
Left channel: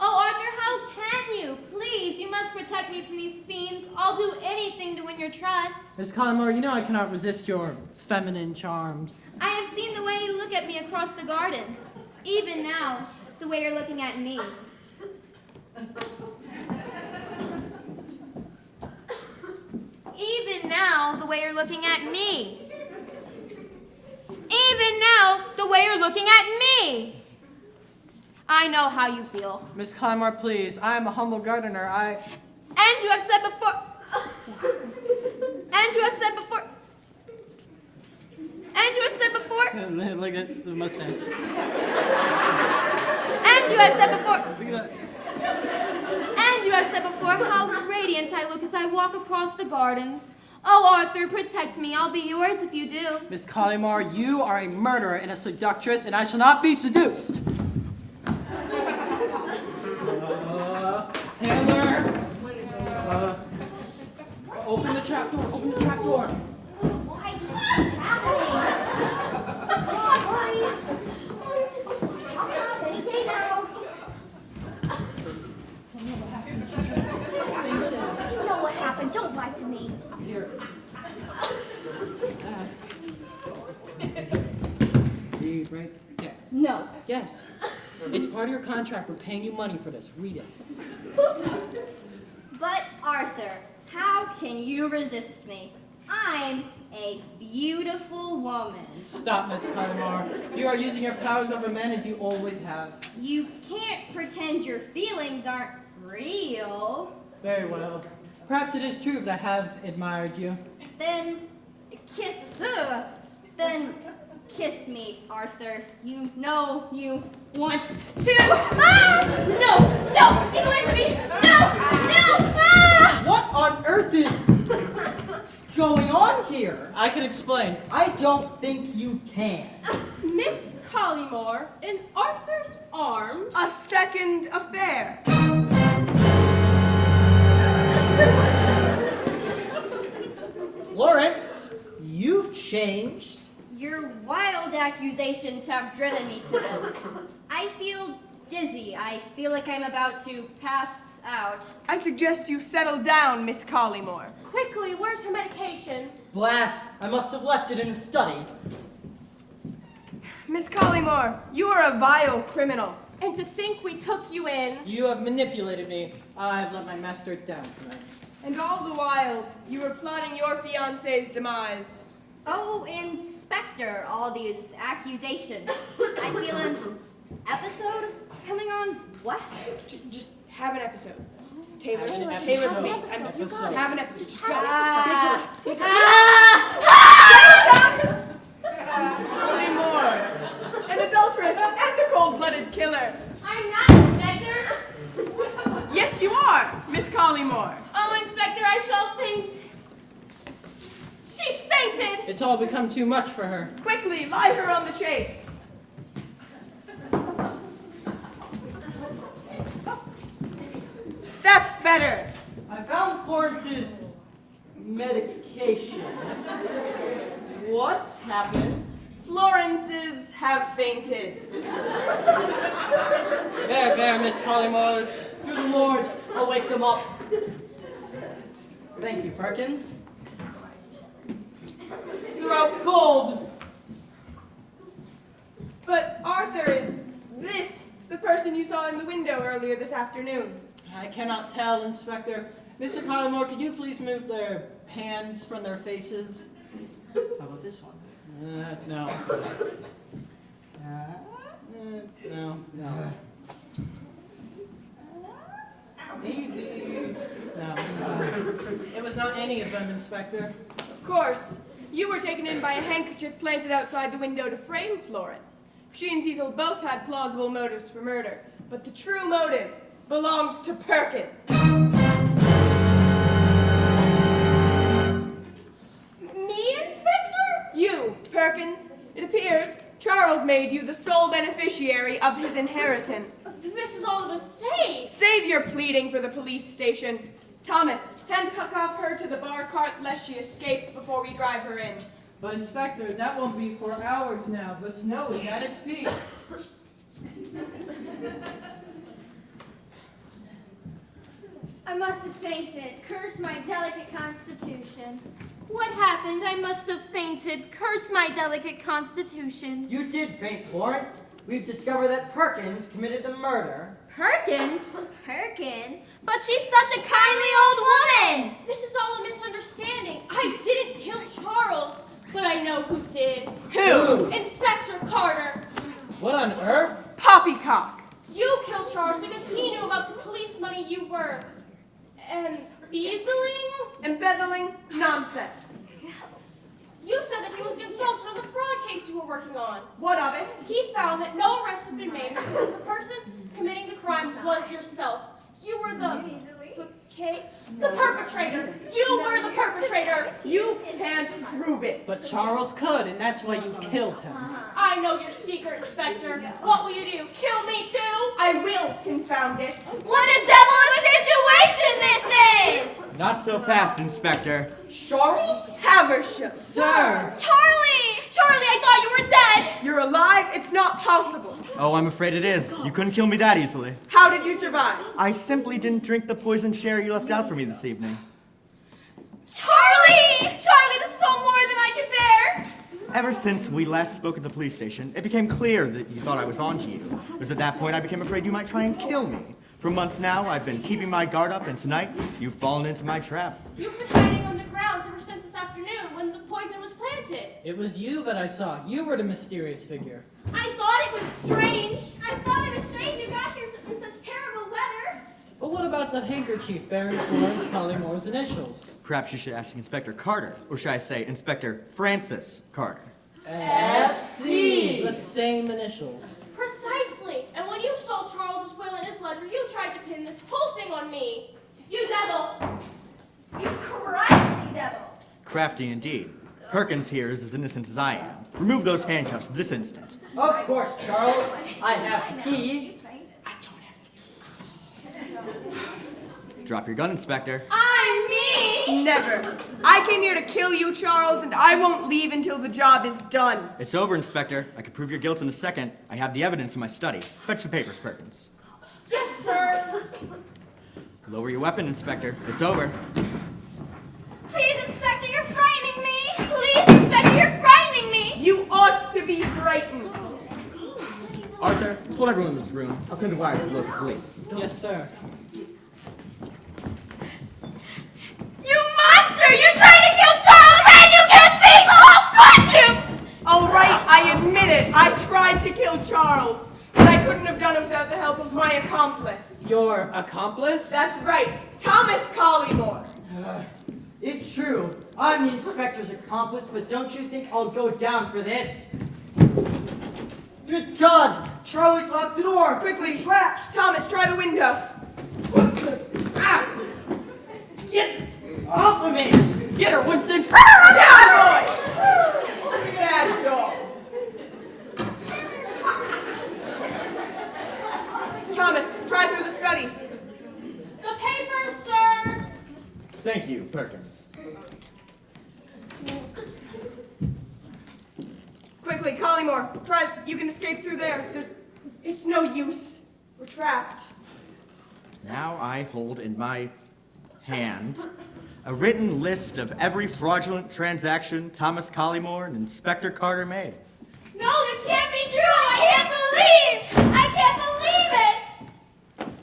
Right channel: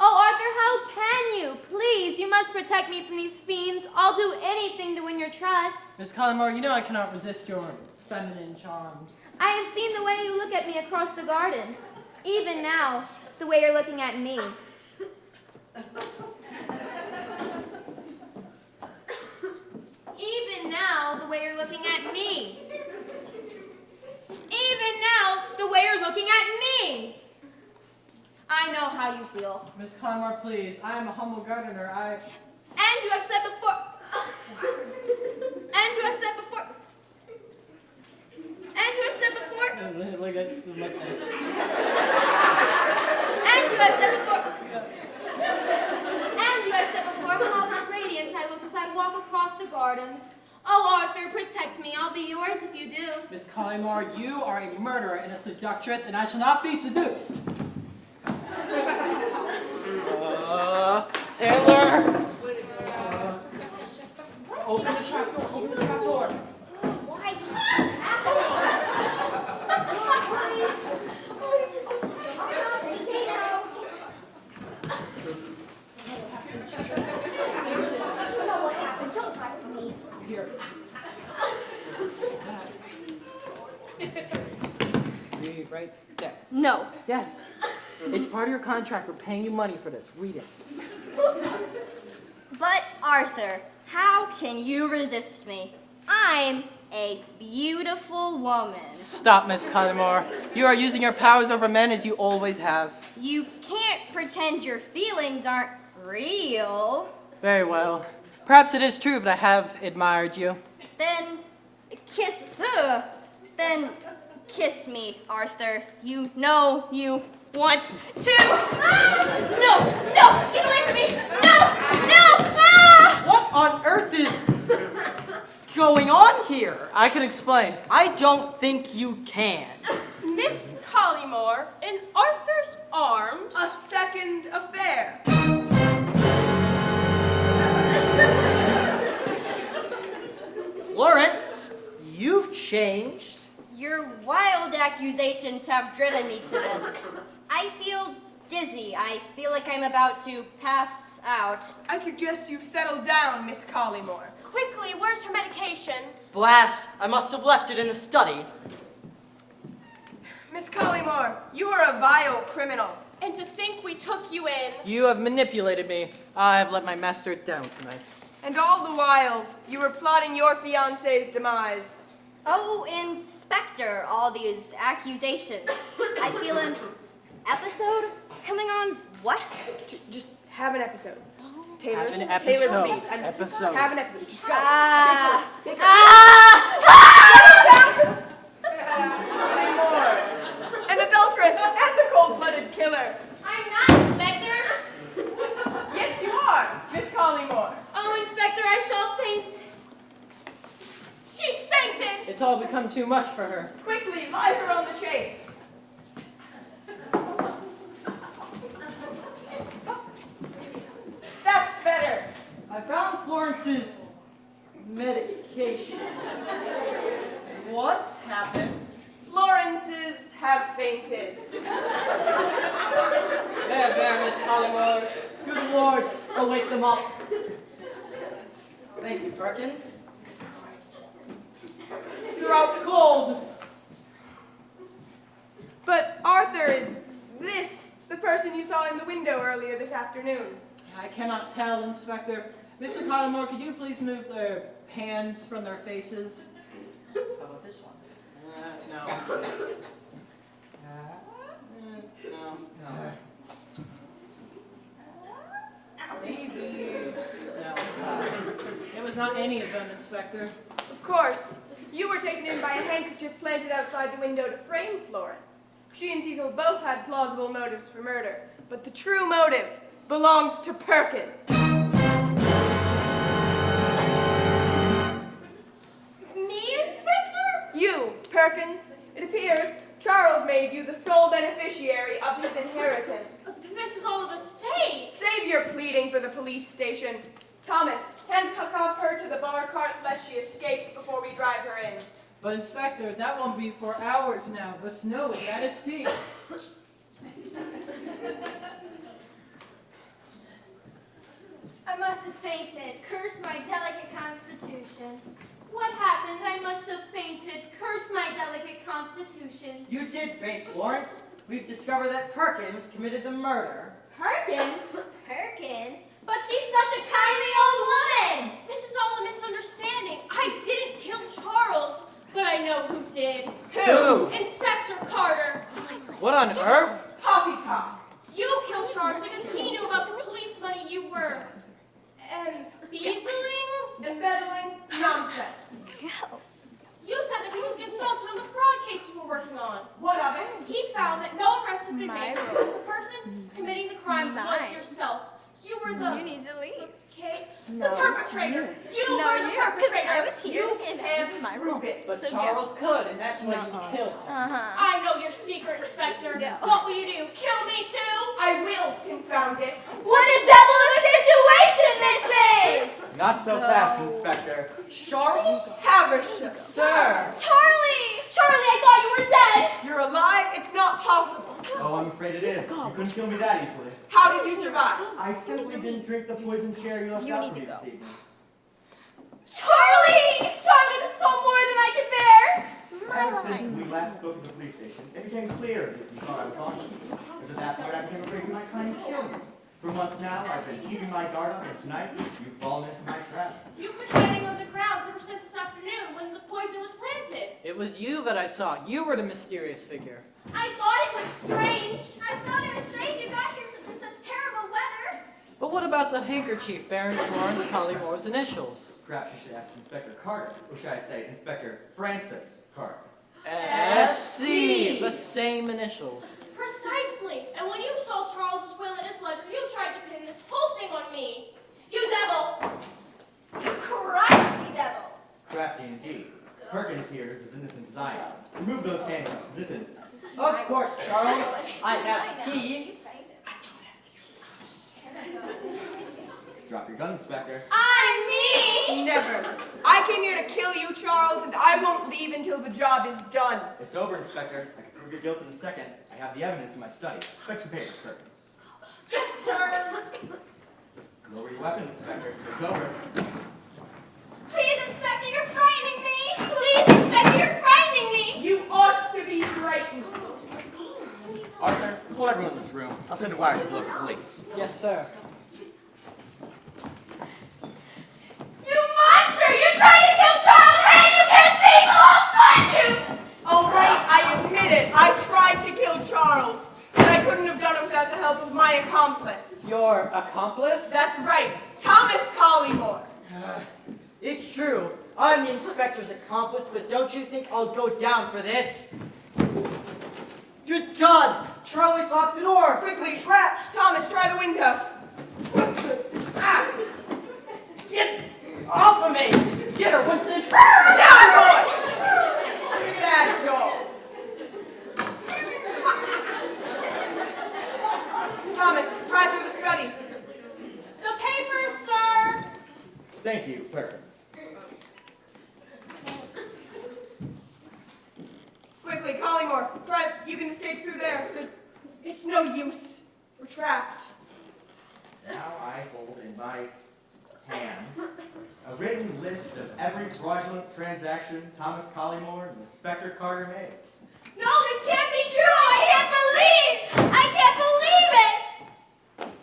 Oh, Arthur, how can you? Please, you must protect me from these fiends. I'll do anything to win your trust. Miss Collymore, you know I cannot resist your feminine charms. I have seen the way you look at me across the gardens. Even now, the way you're looking at me. Even now, the way you're looking at me. Even now, the way you're looking at me. I know how you feel. Miss Collymore, please, I am a humble gardener. And you have said before... And you have said before... And you have said before... Look at the mustache. And you have said before... And you have said before how radiant I look as I walk across the gardens. Oh, Arthur, protect me. I'll be yours if you do. Miss Collymore, you are a murderer and a seductress, and I shall not be seduced. Taylor! Open the trap door, open the trap door. Why is this happening? You know what happened. Don't lie to me. Here. Read right there. No. Yes. It's part of your contract. We're paying you money for this. Read it. But Arthur, how can you resist me? I'm a beautiful woman. Stop, Miss Collymore. You are using your powers over men as you always have. You can't pretend your feelings aren't real. Very well. Perhaps it is true, but I have admired you. Then kiss me, Arthur. You know you want to. Ah! No! No! Get away from me! No! No! Ah! What on earth is going on here? I can explain. I don't think you can. Miss Collymore, in Arthur's arms. A second affair. Florence, you've changed. Your wild accusations have driven me to this. I feel dizzy. I feel like I'm about to pass out. I suggest you settle down, Miss Collymore. Quickly, where's her medication? Blast, I must have left it in the study. Miss Collymore, you are a vile criminal. And to think we took you in. You have manipulated me. I've let my master down tonight. And all the while, you were plotting your fiancé's demise. Oh, Inspector, all these accusations. I feel an episode coming on. What? Just have an episode. Taylor, Have an Taylor, episode. please. Episode. Have an episode. Just go. Ah. Take a Ah! Collymore, an adulteress and a cold-blooded killer. I'm not, Inspector. Yes, you are, Miss Collymore. Oh, Inspector, I shall faint. She's fainted! It's all become too much for her. Quickly, lie her on the chase. That's better. I found Florence's medication. What's happened? Florence's have fainted. There, Miss Collymore. Good Lord, I'll wake them up. Thank you, Perkins. They're out cold. But Arthur, is this the person you saw in the window earlier this afternoon? I cannot tell, Inspector. Mr. Collymore, could you please move their hands from their faces? How about this one? No. No. Maybe. No. It was not any of them, Inspector. Of course. You were taken in by a handkerchief planted outside the window to frame Florence. She and Cecil both had plausible motives for murder, but the true motive belongs to Perkins. beneficiary of his inheritance. This is all a mistake. Save your pleading for the police station. Thomas, handcuff her to the bar cart lest she escape before we drive her in. But Inspector, that won't be for hours now. The snow is at its peak. I must have fainted. Curse my delicate constitution. What happened? I must have fainted. Curse my delicate constitution. You did faint, Florence. We've discovered that Perkins committed the murder. Perkins? Perkins? But she's such a kindly old woman! This is all a misunderstanding. I didn't kill Charles, but I know who did. Who? Inspector Carter. What on earth? Poppycock. You killed Charles because he knew about the police money you were embezzling. Embezzling? Nonsense. You said that he was consulted on the fraud case you were working on. What of it? He found that no arrests had been made because the person committing the crime was yourself. You were the perpetrator. You were the perpetrator. You can't prove it. But Charles could, and that's why you killed him. I know your secret, Inspector. What will you do? Kill me too? I will confound it. What a devilish situation this is! Not so fast, Inspector. Charles Haversham. Sir! Charlie! Charlie, I thought you were dead! You're alive? It's not possible. Oh, I'm afraid it is. You couldn't kill me that easily. How did you survive? I simply didn't drink the poisoned sherry you left out for me this evening. Charlie! Charlie, this is all more than I can bear! Ever since we last spoke at the police station, it became clear that you thought I was onto you. It was at that point I became afraid you might try and kill me. For months now, I've been keeping my guard up, and tonight, you've fallen into my trap. You've been hiding on the grounds ever since this afternoon when the poison was planted. It was you that I saw. You were the mysterious figure. I thought it was strange. I thought it was strange you got here in such terrible weather. But what about the handkerchief bearing Florence Collymore's initials? Perhaps you should ask Inspector Carter, or should I say Inspector Francis Carter. FC! The same initials. Precisely. And when you saw Charles's will in his ledger, you tried to pin this whole thing on me. You devil! You crafty devil! Crafty indeed. Perkins here is as innocent as I am. Remove those handcuffs this instant. Of course, Charles. I have the key. Drop your gun, Inspector. I'm me! Never. I came here to kill you, Charles, and I won't leave until the job is done. It's over, Inspector. I can prove your guilt in a second. I have the evidence in my study. Fetch the papers, Perkins. Yes, sir. Lower your weapon, Inspector. It's over. Please, Inspector, you're frightening me! Please, Inspector, you're frightening me! You ought to be frightened. Arthur, hold everyone in this room. I'll send a wire to the local police. Yes, sir. You monster! You tried to kill Charles and you can't see! Oh, could you? All right, I admit it. I tried to kill Charles, but I couldn't have done it without the help of my accomplice. Your accomplice? That's right, Thomas Collymore. It's true. I'm the inspector's accomplice, but don't you think I'll go down for this? Good God! Charlie's locked the door! Quickly, trapped. Thomas, try the window. Ah! Get off of me! Get her, Winston! Down, boy! Look at that dog. Thomas, try through the study. The papers, sir. Thank you, Perkins. Quickly, Collymore, try. You can escape through there. It's no use. We're trapped. Now I hold in my hand a written list of every fraudulent transaction Thomas Collymore and Inspector Carter made. No, this can't be true! I can't believe! I can't believe it!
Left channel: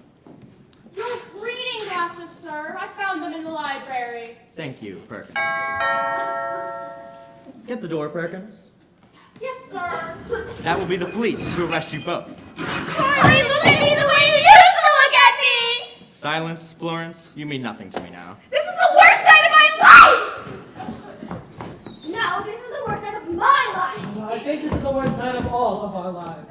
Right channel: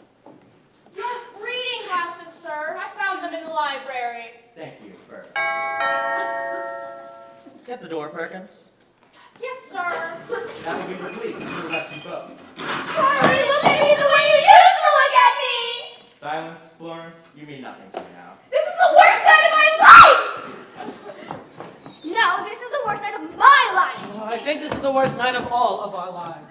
Your reading glasses, sir. I found them in the library. Thank you, Perkins. Get the door, Perkins. Yes, sir. That will be the police to arrest you both. Charlie, look at me the way you used to look at me! Silence, Florence. You mean nothing to me now. This is the worst night of my life! No, this is the worst night of my life! Oh, I think this is the worst night of all of our lives.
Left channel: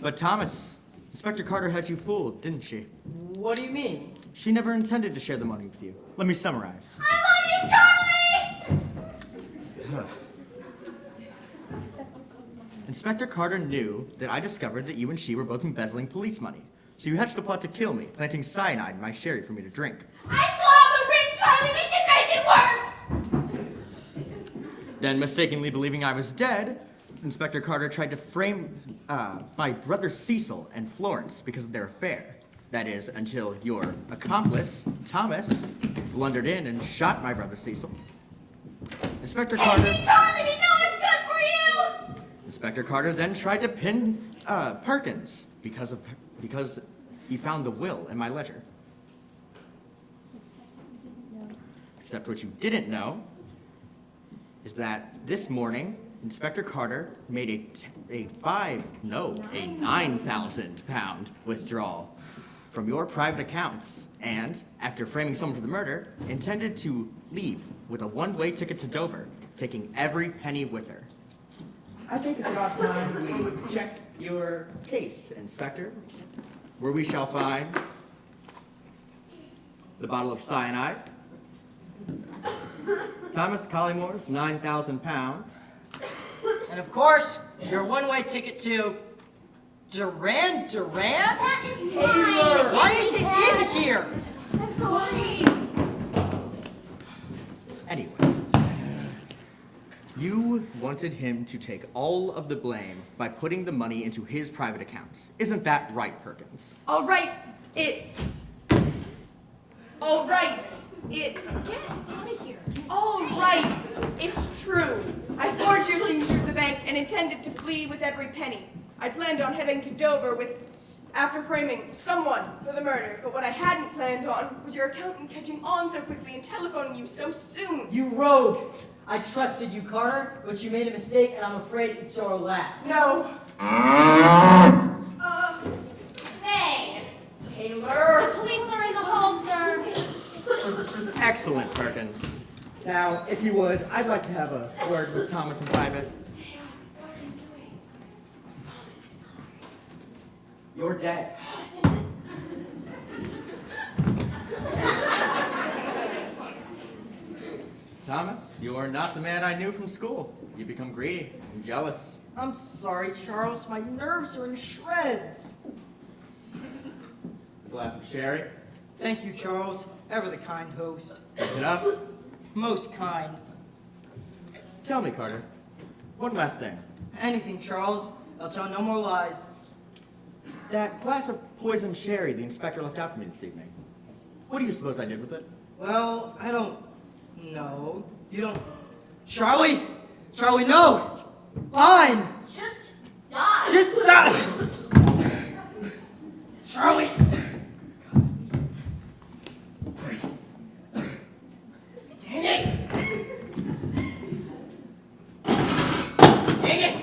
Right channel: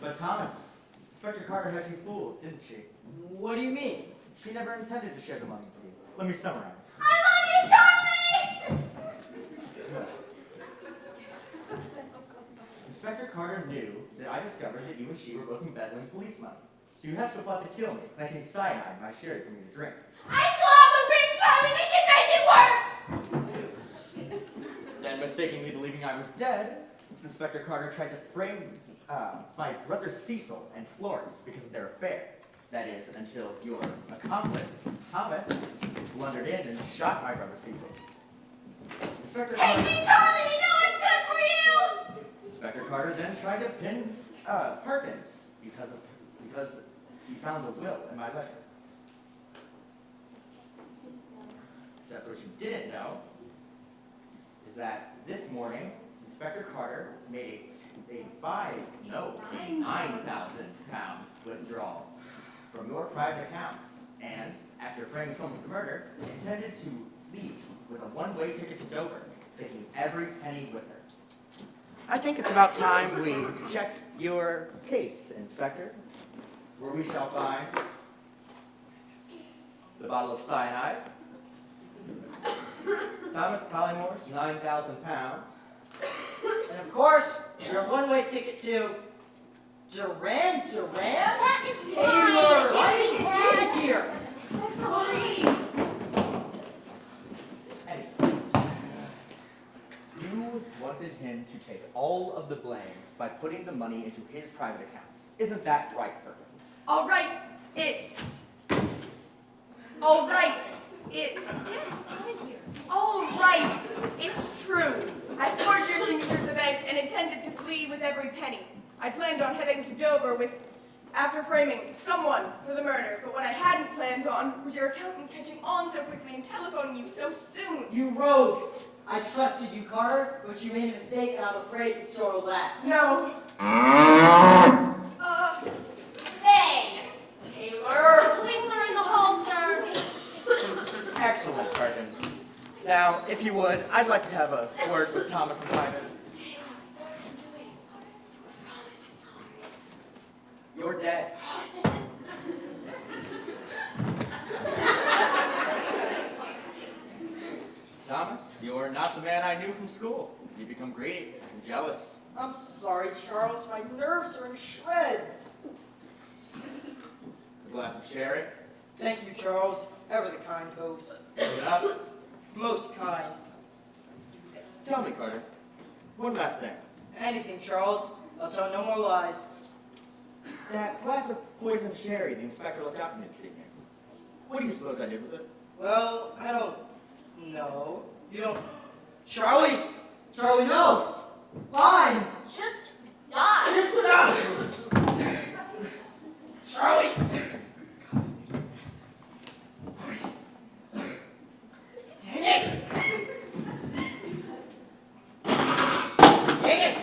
But Thomas, Inspector Carter had you fooled, didn't she? What do you mean? She never intended to share the money with you. Let me summarize. I love you, Charlie! Inspector Carter knew that I discovered that you and she were both embezzling police money. So you hatched a plot to kill me, planting cyanide in my sherry for me to drink. I still have the ring, Charlie. We can make it work. Then, mistakenly believing I was dead, Inspector Carter tried to frame my brother Cecil and Florence because of their affair. That is, until your accomplice, Thomas, blundered in and shot my brother Cecil. Inspector Take Carter... me, Charlie. We know it's good for you. Inspector Carter then tried to pin Perkins because he found the will in my ledger. Except what you didn't know is that this morning, Inspector Carter made a 9,000 pound withdrawal from your private accounts and, after framing someone for the murder, intended to leave with a one-way ticket to Dover, taking every penny with her. I think it's about time we check your case, Inspector, where we shall find the bottle of cyanide, Thomas Collymore's 9,000 pounds, And of course, your one-way ticket to Duran? That is Taylor, why is it in here? I'm sorry. Anyway, you wanted him to take all of the blame by putting the money into his private accounts. Isn't that right, Perkins? All right, it's. All right, it's. Get out of here. All right, it's true. I forged your signature to the bank and intended to flee with every penny. I planned on heading to Dover after framing someone for the murder, but what I hadn't planned on was your accountant catching on so quickly and telephoning you so soon. You rogue! I trusted you, Carter, but you made a mistake, and I'm afraid it's so laugh. No. Bang! Taylor. The police are in the hall, sir. Excellent, Perkins. Now, if you would, I'd like to have a word with Thomas in private. You're dead. Thomas, you are not the man I knew from school. You become greedy and jealous. I'm sorry, Charles. My nerves are in shreds. A glass of sherry. Thank you, Charles. Ever the kind host. Pick it up. Most kind. Tell me, Carter, one last thing. Anything, Charles. I'll tell no more lies. That glass of poisoned sherry the inspector left out for me this evening. What do you suppose I did with it? Well, I don't know. You don't... Charlie! Charlie, no! Fine! Just die. Just die! Charlie! Dang it! Dang it!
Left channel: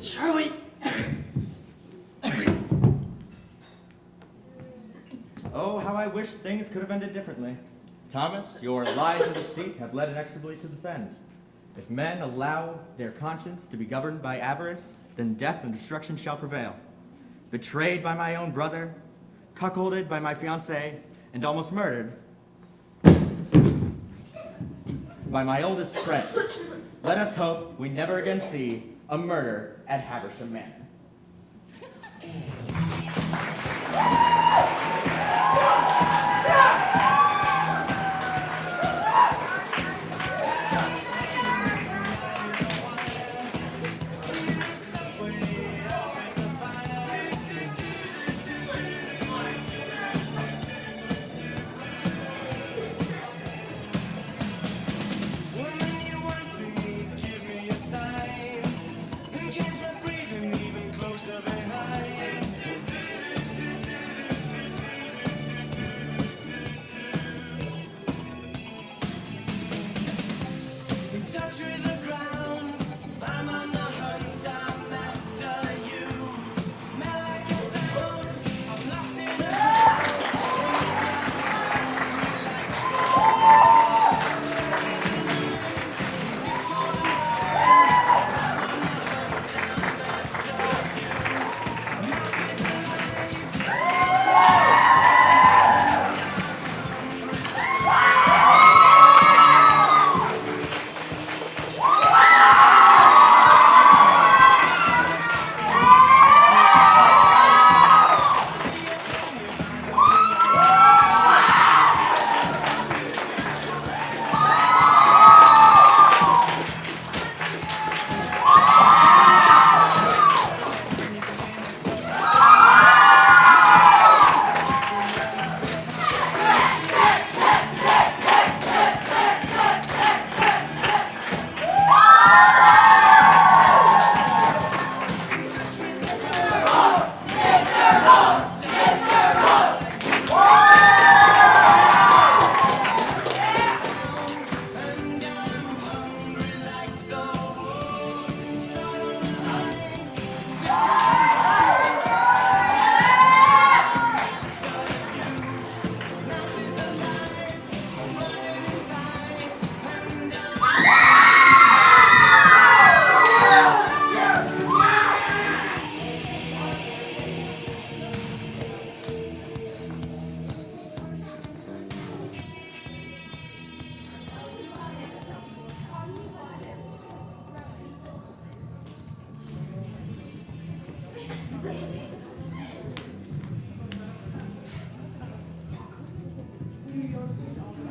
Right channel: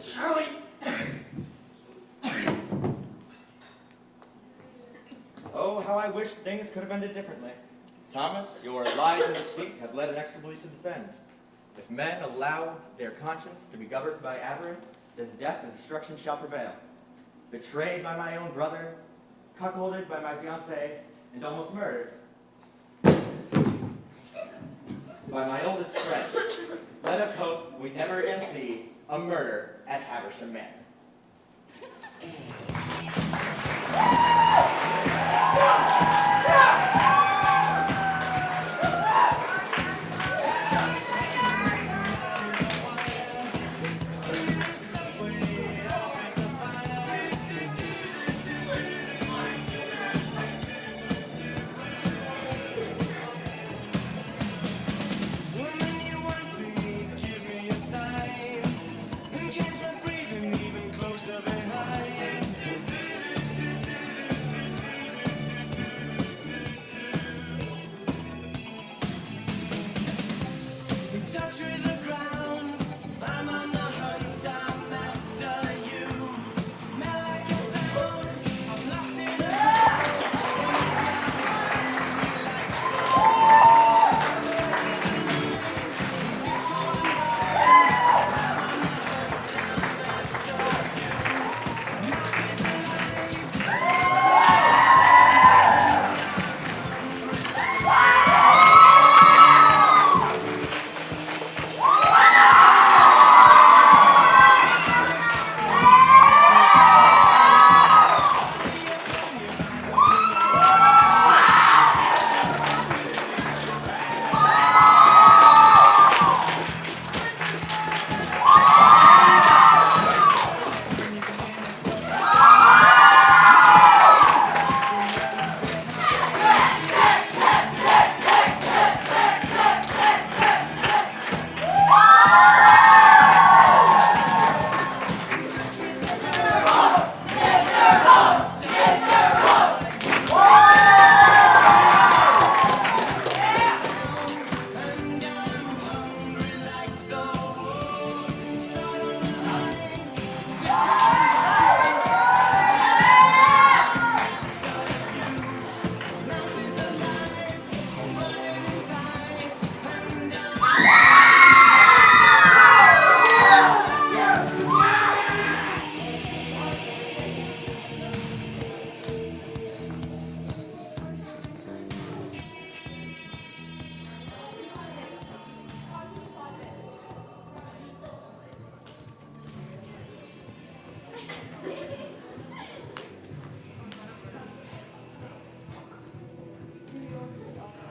Charlie! Oh, how I wish things could have ended differently. Thomas, your lies and deceit have led inexorably to this end. If men allow their conscience to be governed by avarice, then death and destruction shall prevail. Betrayed by my own brother, cuckolded by my fiancée, and almost murdered by my oldest friend, let us hope we never again see a murder at Haversham Manor.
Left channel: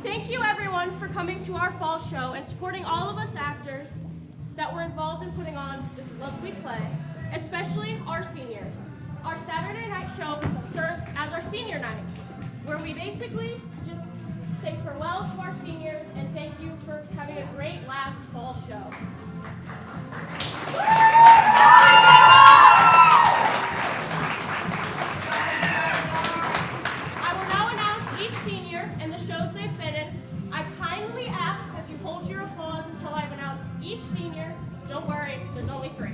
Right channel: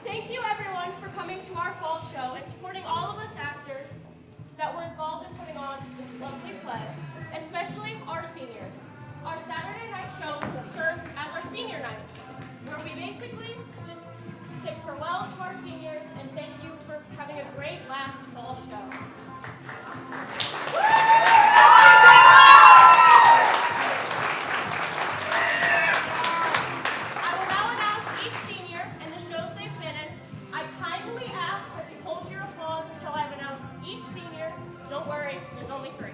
Thank you everyone for coming to our fall show and supporting all of us actors that were involved in putting on this lovely play, especially our seniors. Our Saturday night show serves as our senior night, where we basically just say farewell to our seniors and thank you for having a great last fall show. I will now announce each senior and the shows they've been in. I kindly ask that you hold your applause until I've announced each senior. Don't worry, there's only 3.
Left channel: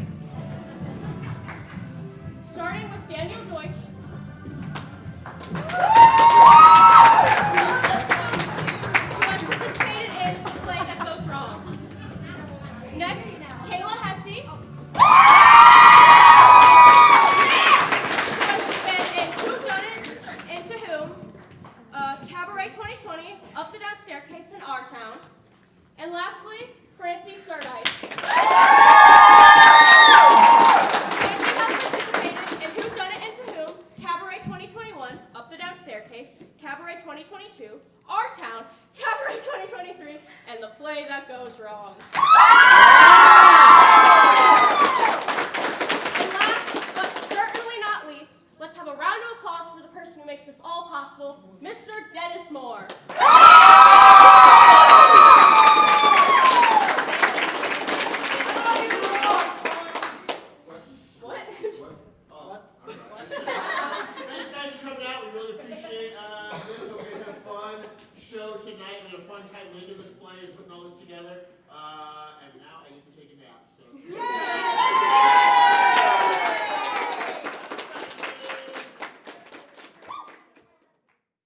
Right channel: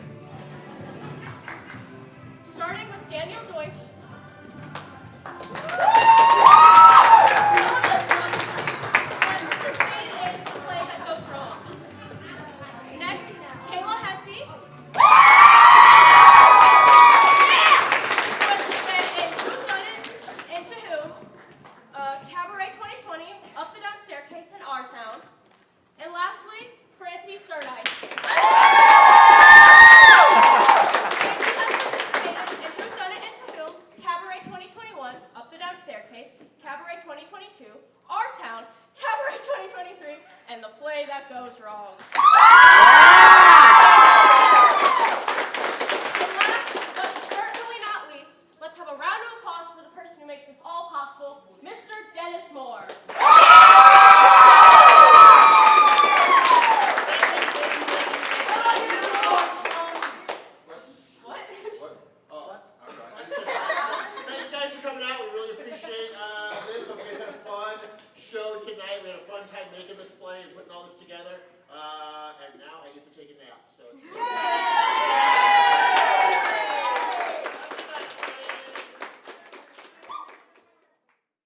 Starting with Daniel Deutsch. Who has participated in the play That Goes Wrong. Next, Kayla Hesse. Who has been in Who Done It, Into Whom, Cabaret 2020, Up the Down Staircase in Our Town. And lastly, Francie Surdide. Francie has participated in Who Done It, Into Whom, Cabaret 2021, Up the Down Staircase, Cabaret 2022, Our Town, Cabaret 2023, and The Play That Goes Wrong. And last, but certainly not least, let's have a round of applause for the person who makes this all possible, Mr. Dennis Moore. What? Thanks guys for coming out. We really appreciate this. Hope you had a fun show tonight. We had a fun time making this play and putting all this together. And now I get to take a nap.